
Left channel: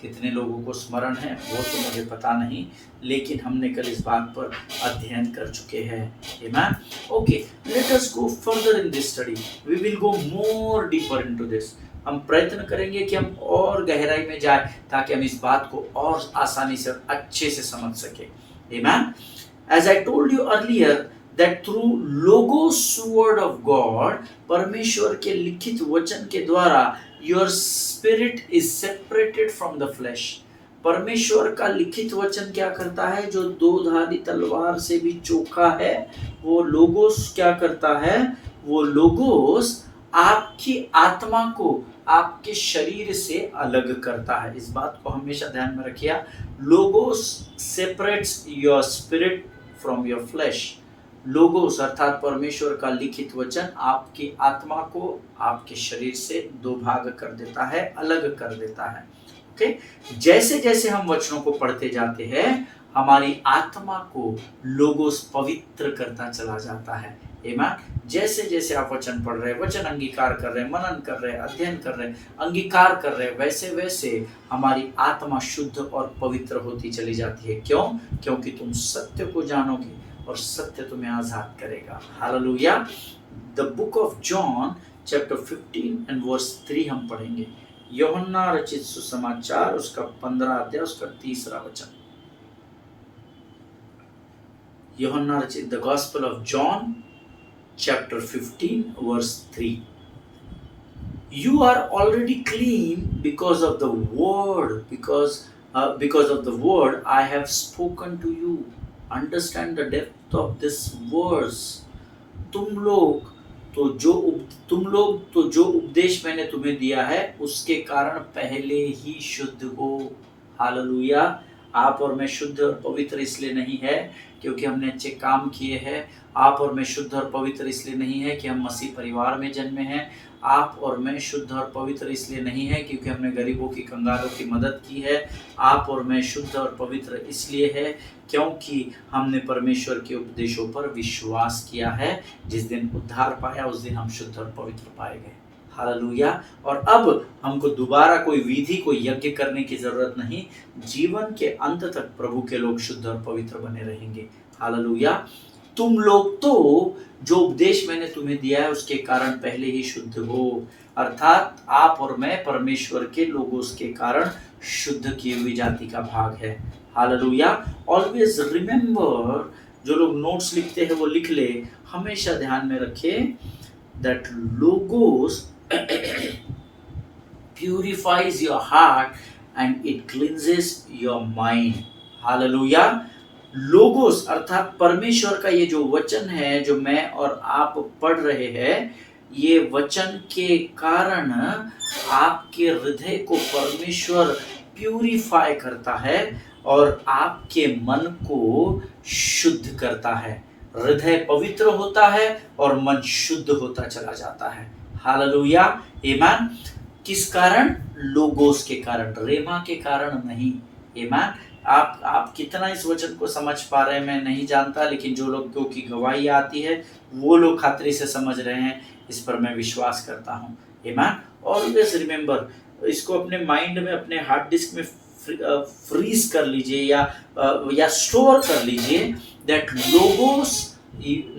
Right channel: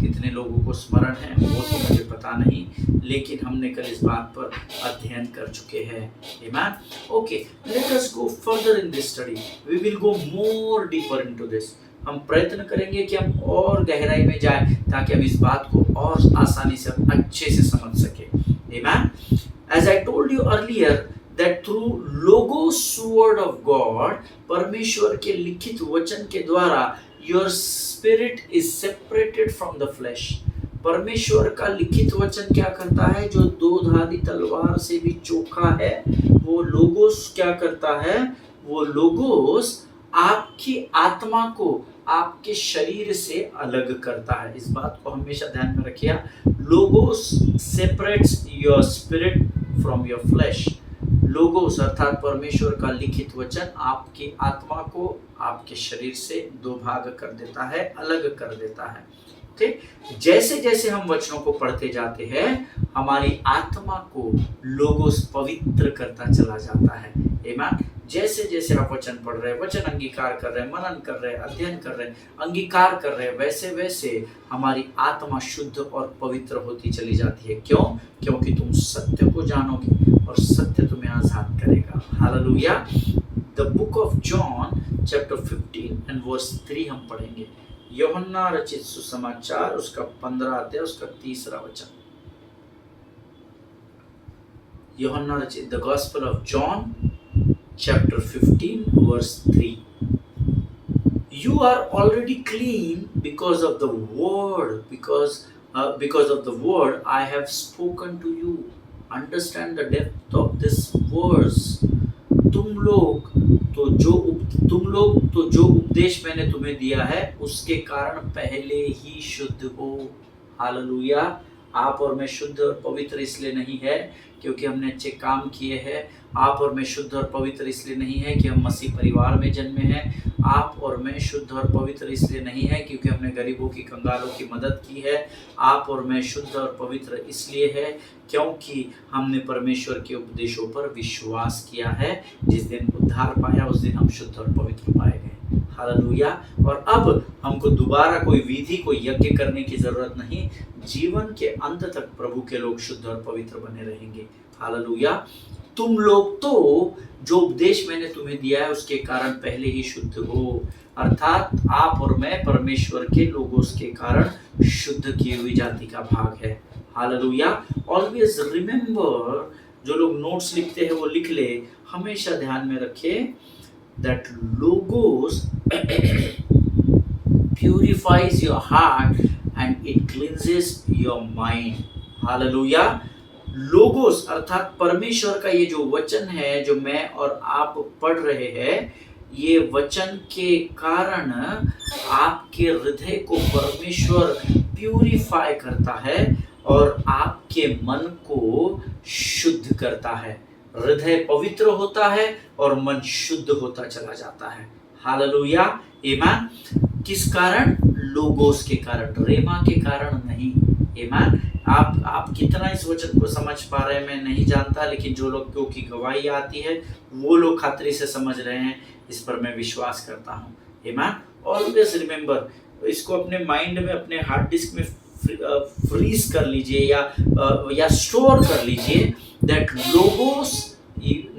कितने लोगों को स्मरण है वो तो मुझे पता नहीं, लेकिन हमने कल इस बात पर अध्ययन कर चुके हैं। आमीन। Okay, let us go further in this study. We will go more deeper into this. हम प्रयत्न करेंगे कि हम और गहराई में जाएं ताकि हम इस बात को और आसानी से और अच्छे से समझ सकें। आमीन। As I told you earlier that through logos word of God, परमेश्वर के लिखित वचन के द्वारा your spirit is separated from the flesh। परमेश्वर का लिखित वचन क्या करता है? जो 2-धारी तलवार से भी चोखा है, वो लोगोस क्या करता है? वो लोगोस आपकी आत्मा को आपके शरीर से अलग करता है। इस बात को हमेशा ध्यान में रखिए। Logos separates your spirit from your flash. Logos अर्थात परमेश्वर का लिखित वचन आपकी आत्मा को आपके शरीर से 2 भाग कर देता है, अलग कर देता है। ओके, जैसे जैसे हम वचनों को पढ़ते जाते हैं, हमारी आत्मा को लोगोस पवित्र करता चला जाता है। आमीन। जैसे जैसे आप वचन पढ़ रहे हैं, वचन अंगीकार कर रहे हैं, मनन कर रहे हैं, अध्ययन कर रहे हैं, अंगीकार कर रहे हैं, वैसे वैसे हमारी आत्मा शुद्ध और पवित्र होती चली जाती है। क्यों? क्योंकि तुम सत्य को जानोगे और सत्य तुम्हें आजाद करेगा। Hallelujah. The book of John chapter 15 and verse 3 हम पढ़ेंगे। यूहन्ना रचित सुसमाचार उसका 15 अध्याय उसका 3 वचन। यूहन्ना रचित the gospel of John chapter 15 verse 3। You are already clean because of the word, because of the word I have spoken to you। Understand the depth of this verse। तुम लोग तो जो उपदेश मैंने तुम्हें दिया है उसके कारण पहले ही शुद्ध हो। हालेलुया। आप और मैं शुद्ध और पवित्र इसलिए नहीं है क्योंकि हमने अच्छे काम किए हैं। आप और मैं शुद्ध और पवित्र इसलिए नहीं है कि हम मसीह परिवार में जन्मे हैं। आप और मैं शुद्ध और पवित्र इसलिए नहीं है क्योंकि हमने गरीबों की, कंगालों की मदद की है। आप और मैं शुद्ध और पवित्र इसलिए है क्योंकि हमने परमेश्वर के उपदेशों पर विश्वास किया है। जिस दिन उद्धार पाया उस दिन हम शुद्ध और पवित्र पाए गए। हालेलुया। और अब हमको दोबारा कोई विधि, कोई यज्ञ करने की जरूरत नहीं। जीवन के अंत तक प्रभु के लोग शुद्ध और पवित्र बने रहेंगे। हालेलुया। तुम लोग तो जो उपदेश मैंने तुम्हें दिया है उसके कारण पहले ही शुद्ध हो। अर्थात आप और मैं परमेश्वर के लोगोस के कारण शुद्ध की हुई जाति का भाग है। हालेलुया। ऑलवेज रिमेंबर, जो लोग नोट्स लिखते हैं वो लिख ले, हमेशा ध्यान में रखे that logos purifies your heart and it cleanses your mind. Hallelujah. Logos अर्थात परमेश्वर का ये जो वचन है, जो मैं और आप पढ़ रहे हैं, ये वचन के कारण आपके हृदय को परमेश्वर प्यूरिफाई करता है और आपके मन को शुद्ध करता है। हृदय पवित्र होता है और मन शुद्ध होता चला जाता है। हालेलुया, आमीन। किस कारण? लोगोस के कारण, रेमा के कारण नहीं। आमीन। आप कितना इस वचन को समझ पा रहे हैं मैं नहीं जानता, लेकिन जो लोगों की गवाही आती है वो लोग खातिर से समझ रहे हैं, इस पर मैं विश्वास करता हूँ। आमीन। ऑलवेज रिमेंबर, इसको अपने माइंड में, अपने हार्ड डिस्क में फ्रीज कर लीजिए या स्टोर कर लीजिए that logos,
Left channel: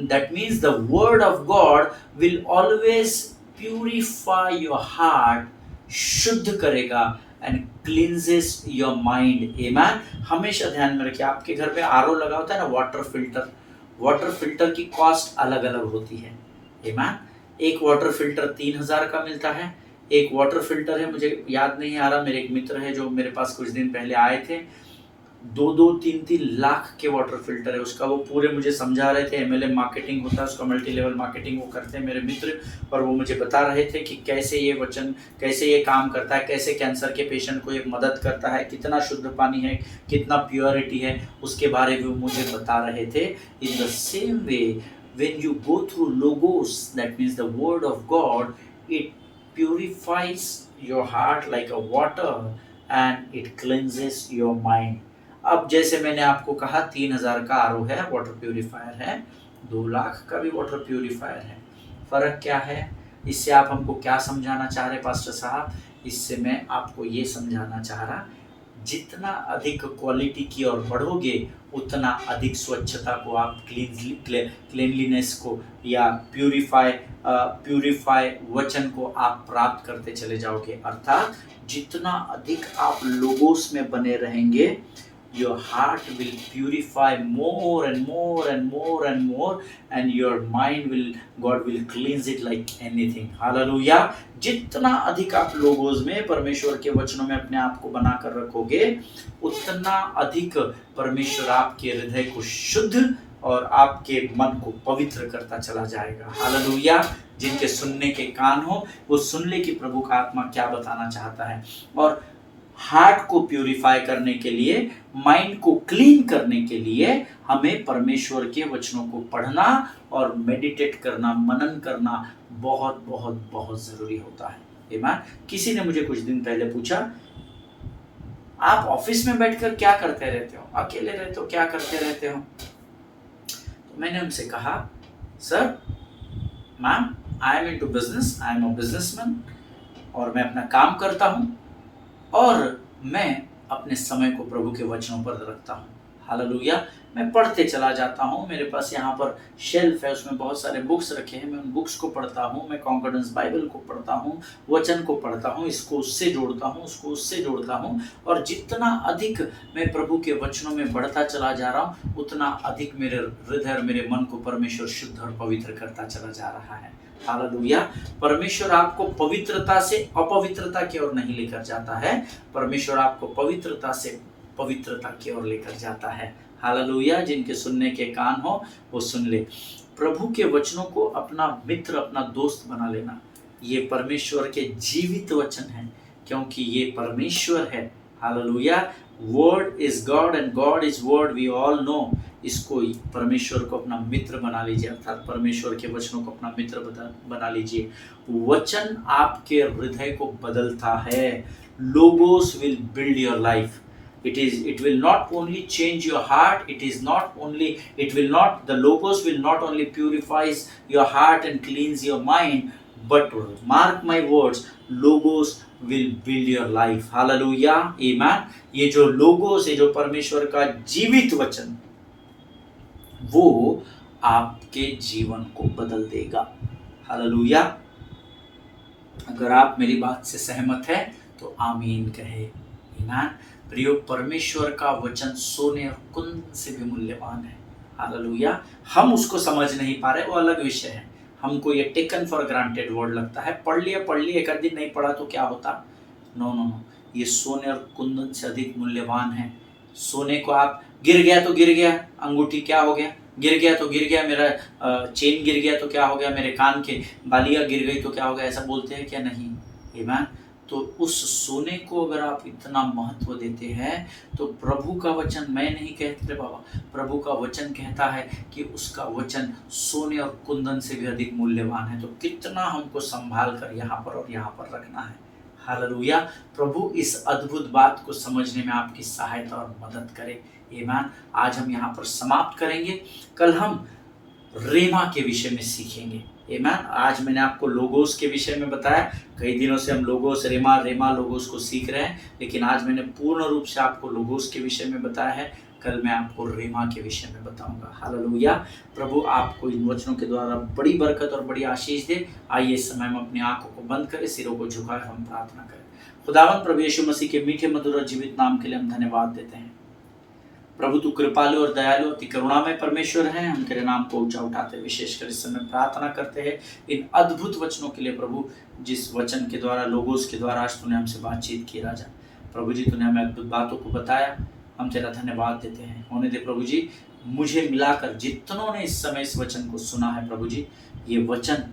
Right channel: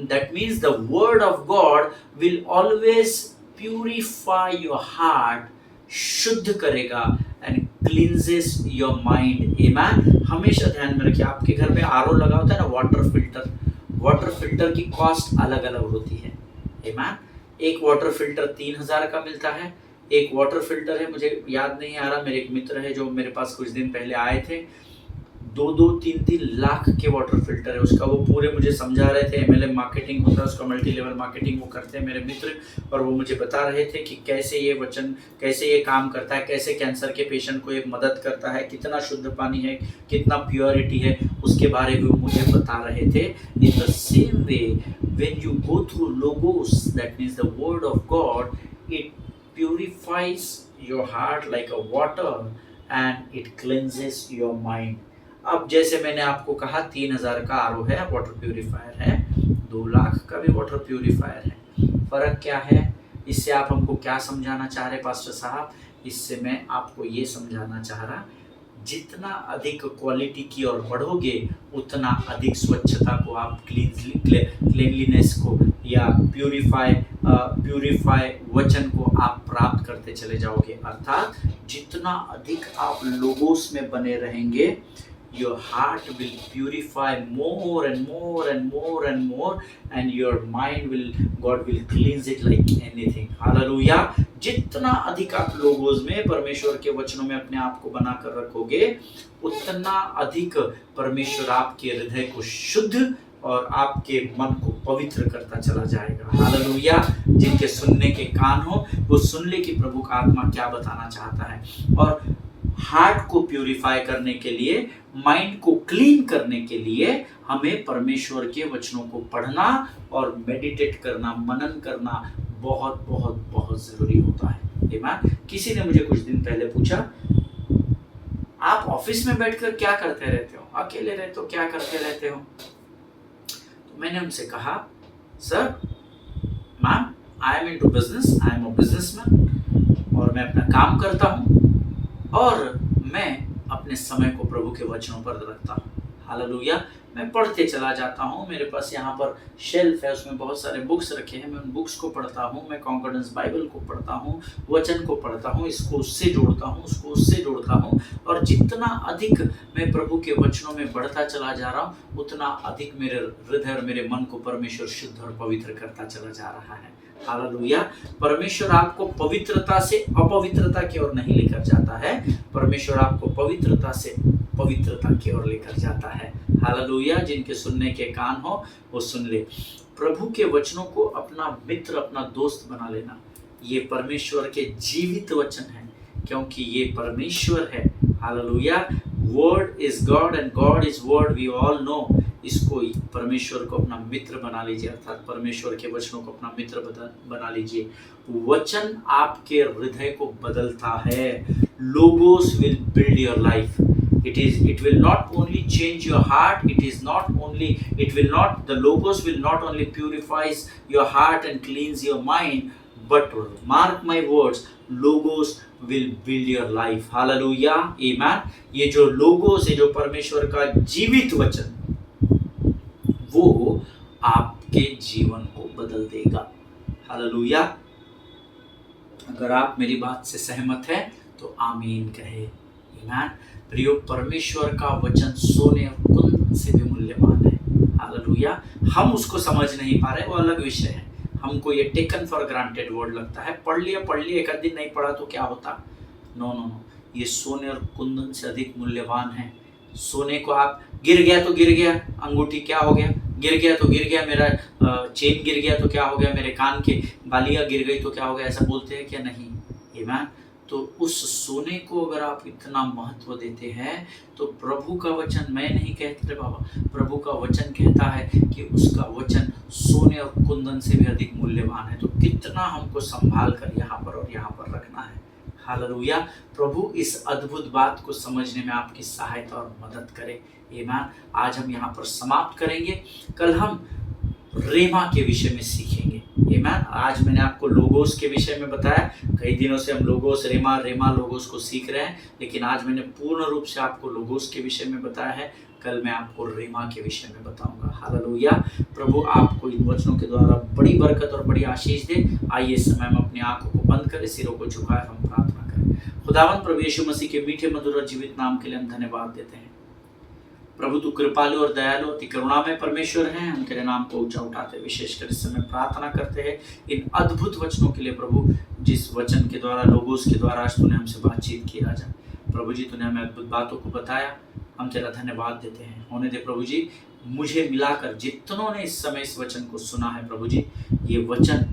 that means the word of God will always purify your heart, शुद्ध करेगा and cleanses your mind. Amen. हमेशा ध्यान में रखिए, आपके घर में आरओ लगा होता है ना, वाटर फिल्टर की कॉस्ट अलग अलग होती है। Amen. एक वाटर फिल्टर 3000 का मिलता है। एक वाटर फिल्टर है, मुझे याद नहीं आ रहा, मेरे एक मित्र है जो मेरे पास कुछ दिन पहले आए थे, 2-3 लाख के वाटर फिल्टर है उसका। वो पूरे मुझे समझा रहे थे, एमएलएम मार्केटिंग होता है उसका, मल्टी लेवल मार्केटिंग वो करते हैं मेरे मित्र, और वो मुझे बता रहे थे कि कैसे ये वचन, कैसे ये काम करता है, कैसे कैंसर के पेशेंट को ये मदद करता है, कितना शुद्ध पानी है, कितना प्योरिटी है, उसके बारे में वो मुझे बता रहे थे। In the same way when you go through logos, that means the word of God, it purifies your heart like a water and it cleanses your mind. अब जैसे मैंने आपको कहा 3000 का आरओ है, वाटर प्यूरिफायर है, 2 लाख का भी वाटर प्यूरिफायर है। फर्क क्या है? इससे आप हमको क्या समझाना चाह रहे पास्टर साहब? इससे मैं आपको ये समझाना चाह रहा, जितना अधिक क्वालिटी की ओर बढ़ोगे उतना अधिक स्वच्छता को आप, क्लीनलीनेस को या प्यूरिफाई वचन को आप प्राप्त करते चले जाओगे। अर्थात जितना अधिक आप लोगोस में बने रहेंगे, your heart will purify more and more and more and more, and your mind will, God will cleanse it like anything. Hallelujah. जितना अधिक आप लोगों में परमेश्वर के वचनों में अपने आप को बना कर रखोगे, उतना अधिक परमेश्वर आपके हृदय को शुद्ध और आपके मन को पवित्र करता चला जाएगा। हालेलुया। जिनके सुनने के कान हो वो सुन ले कि प्रभु का आत्मा क्या बताना चाहता है। और हार्ट को प्यूरिफाई करने के लिए, माइंड को क्लीन करने के लिए हमें परमेश्वर के वचनों को पढ़ना और मेडिटेट करना, मनन करना बहुत बहुत बहुत जरूरी होता है। आमीन। किसी ने मुझे कुछ दिन पहले पूछा, आप ऑफिस में बैठकर क्या करते रहते हो, अकेले रहते हो, क्या करते रहते हो? तो मैंने उनसे कहा, sir ma'am, I am into business, I am a businessman, और मैं अपना काम करता हूँ और मैं अपने समय को प्रभु के वचनों पर रखता हूँ। हालेलुया। मैं पढ़ते चला जाता हूँ, मेरे पास यहाँ पर शेल्फ है, उसमें बहुत सारे बुक्स रखे हैं, मैं उन बुक्स को पढ़ता हूँ, मैं कॉन्कॉर्डेंस बाइबल को पढ़ता हूँ, वचन को पढ़ता हूँ, इसको उससे जोड़ता हूँ, उसको उससे जोड़ता हूँ, और जितना अधिक मैं प्रभु के वचनों में बढ़ता चला जा रहा हूँ, उतना अधिक मेरे हृदय और मेरे मन को परमेश्वर शुद्ध और पवित्र करता चला जा रहा है। हालेलुया। परमेश्वर आपको पवित्रता से अपवित्रता की ओर नहीं लेकर जाता है, परमेश्वर आपको पवित्रता से पवित्रता की ओर लेकर जाता है। हालेलुया। जिनके सुनने के कान हो वो सुन ले। प्रभु के वचनों को अपना मित्र, अपना दोस्त बना लेना। ये परमेश्वर के जीवित वचन है, क्योंकि ये परमेश्वर है। Hallelujah. Word is God and God is word, we all know. इसको, परमेश्वर को अपना मित्र बना लीजिए, अर्थात परमेश्वर के वचनों को अपना मित्र बना लीजिए। वचन आपके हृदय को बदलता है। Logos will build your life. It will not only change your heart, the logos will not only purifies your heart and cleanse your mind, but mark my words, logos will build your life. Hallelujah. Amen. ये जो logos है, जो परमेश्वर का जीवित वचन, वो आपके जीवन को बदल देगा। हालेलुया। अगर आप मेरी बात से सहमत हैं तो आमीन कहे। ईमान। प्रियो, परमेश्वर का वचन सोने और कुंद से भी मूल्यवान है। हालेलुया। हम उसको समझ नहीं पा रहे, वो अलग विषय है। हमको ये टेकन फॉर ग्रांटेड वर्ड लगता है, पढ़ लिया, एक आध दिन नहीं पढ़ा तो क्या होता। नो नो नो, ये सोने और कुंदन से अधिक मूल्यवान है। सोने को आप गिर गया तो गिर गया, अंगूठी क्या हो गया, गिर गया तो गिर गया, मेरा चेन गिर गया तो क्या हो गया, मेरे कान के बालियाँ गिर गई तो क्या हो गया, ऐसा बोलते हैं क्या? नहीं। ईमान। तो उस सोने को अगर आप इतना महत्व देते हैं तो प्रभु का वचन, मैं नहीं कहते बाबा, प्रभु का वचन कहता है कि उसका वचन सोने और कुंदन से भी अधिक मूल्यवान है। तो कितना हमको संभाल कर यहाँ पर और यहाँ पर रखना है। हालेलुया। प्रभु इस अद्भुत बात को समझने में आपकी सहायता और मदद करे। ईमान। आज हम यहाँ पर समाप्त करेंगे, कल हम रेमा के विषय में सीखेंगे। ईमान। आज मैंने आपको लोगोस के विषय में बताया, कई दिनों से हम लोगोस रेमा लोगोस को सीख रहे हैं, लेकिन आज मैंने पूर्ण रूप से आपको लोगोस के विषय में बताया है, कल मैं आपको रेमा के विषय में बताऊंगा। हालेलुया। प्रभु आपको इन वचनों के द्वारा बड़ी बरकत और बड़ी आशीष दे। आइए इस समय हम अपनी आंखों को बंद करें, सिरों को झुकाए, हम प्रार्थना करें। खुदावंद प्रभु यीशु मसीह के मीठे मधुर और जीवित नाम के लिए हम धन्यवाद देते हैं। प्रभु तू कृपालु और दयालु अति करुणामय परमेश्वर है। हम तेरे नाम को ऊंचा उठाते विशेषकर इस समय प्रार्थना करते हैं इन अद्भुत वचनों के लिए प्रभु, जिस वचन के द्वारा, लोगोस के द्वारा आज तूने हमसे बातचीत की राजा। प्रभु जी, तूने हमें अद्भुत बातों को बताया, हम तेरा धन्यवाद देते हैं। होने दे प्रभु जी, मुझे मिलाकर जितनों ने इस समय इस वचन को सुना है प्रभु जी, ये वचन,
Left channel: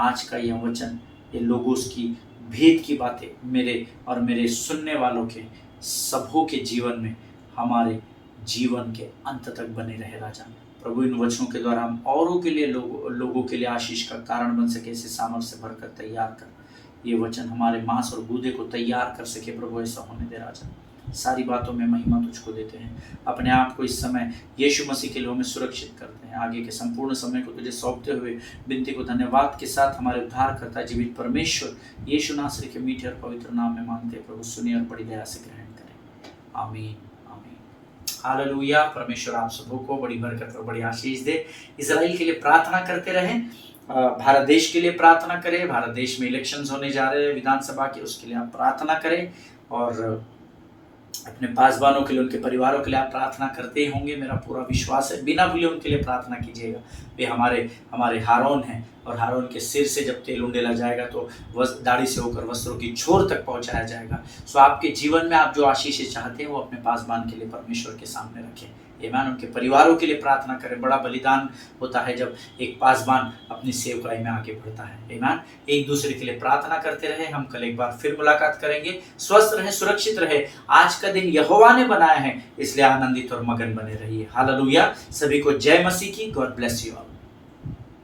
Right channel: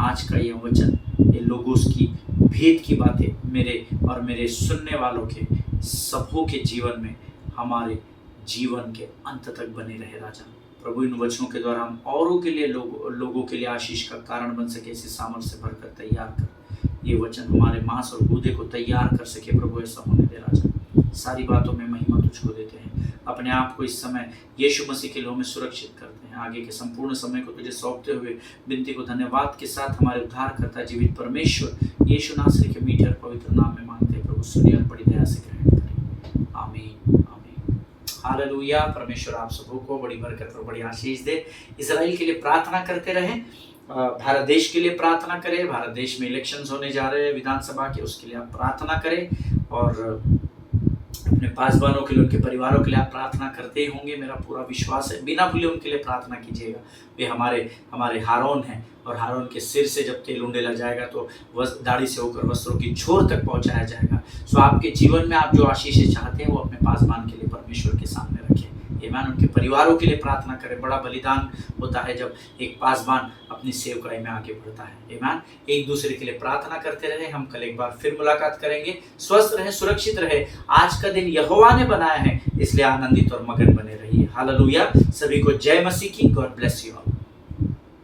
आज का ये वचन, ये लोगोस की भेद की बातें मेरे और मेरे सुनने वालों के सबों के जीवन में, हमारे जीवन के अंत तक बने रहे राजा। प्रभु इन वचनों के द्वारा हम औरों के लिए, लोगों के लिए आशीष का कारण बन सके, इसे सामर्थ्य से भरकर तैयार कर। ये वचन हमारे मांस और गूदे को तैयार कर सके प्रभु, ऐसा होने दे राजा। सारी बातों में महिमा तुझको देते हैं। अपने आप को इस समय यीशु मसीह के लोह में सुरक्षित करते हैं। आगे के संपूर्ण समय को तुझे सौंपते हुए विनती को धन्यवाद के साथ हमारे उद्धार करता जीवित परमेश्वर यीशु नासरी के मीठे और पवित्र नाम में मांगते हैं प्रभु, सुनिए और बड़ी दया से ग्रहण करें। आमीन आमीन। हालेलुया। परमेश्वर आप सबों को बड़ी बरकत और बड़ी आशीष दे। इजराइल के लिए प्रार्थना करते रहें, भारत देश के लिए प्रार्थना करें। भारत देश में इलेक्शंस होने जा रहे हैं विधानसभा के, उसके लिए आप प्रार्थना करें। और अपने पासवानों के लिए, उनके परिवारों के लिए आप प्रार्थना करते ही होंगे, मेरा पूरा विश्वास है। बिना भूले उनके लिए प्रार्थना कीजिएगा। वे हमारे हारून हैं, और हारून के सिर से जब तेल उंडेला जाएगा तो दाढ़ी से होकर वस्त्रों की छोर तक पहुंचाया जाएगा। सो आपके जीवन में आप जो आशीषें चाहते हैं वो अपने पासवान के लिए परमेश्वर के सामने रखें। ईमान। उनके परिवारों के लिए प्रार्थना करें। बड़ा बलिदान होता है जब एक पासवान अपनी सेवकाई में आगे बढ़ता है। ईमान। एक दूसरे के लिए प्रार्थना करते रहे। हम कल एक बार फिर मुलाकात करेंगे। स्वस्थ रहें, सुरक्षित रहे। आज का दिन यहोवा ने बनाया है, इसलिए आनंदित और मगन बने रहिए। हालेलुया। सभी को जय मसीह की। God bless you all.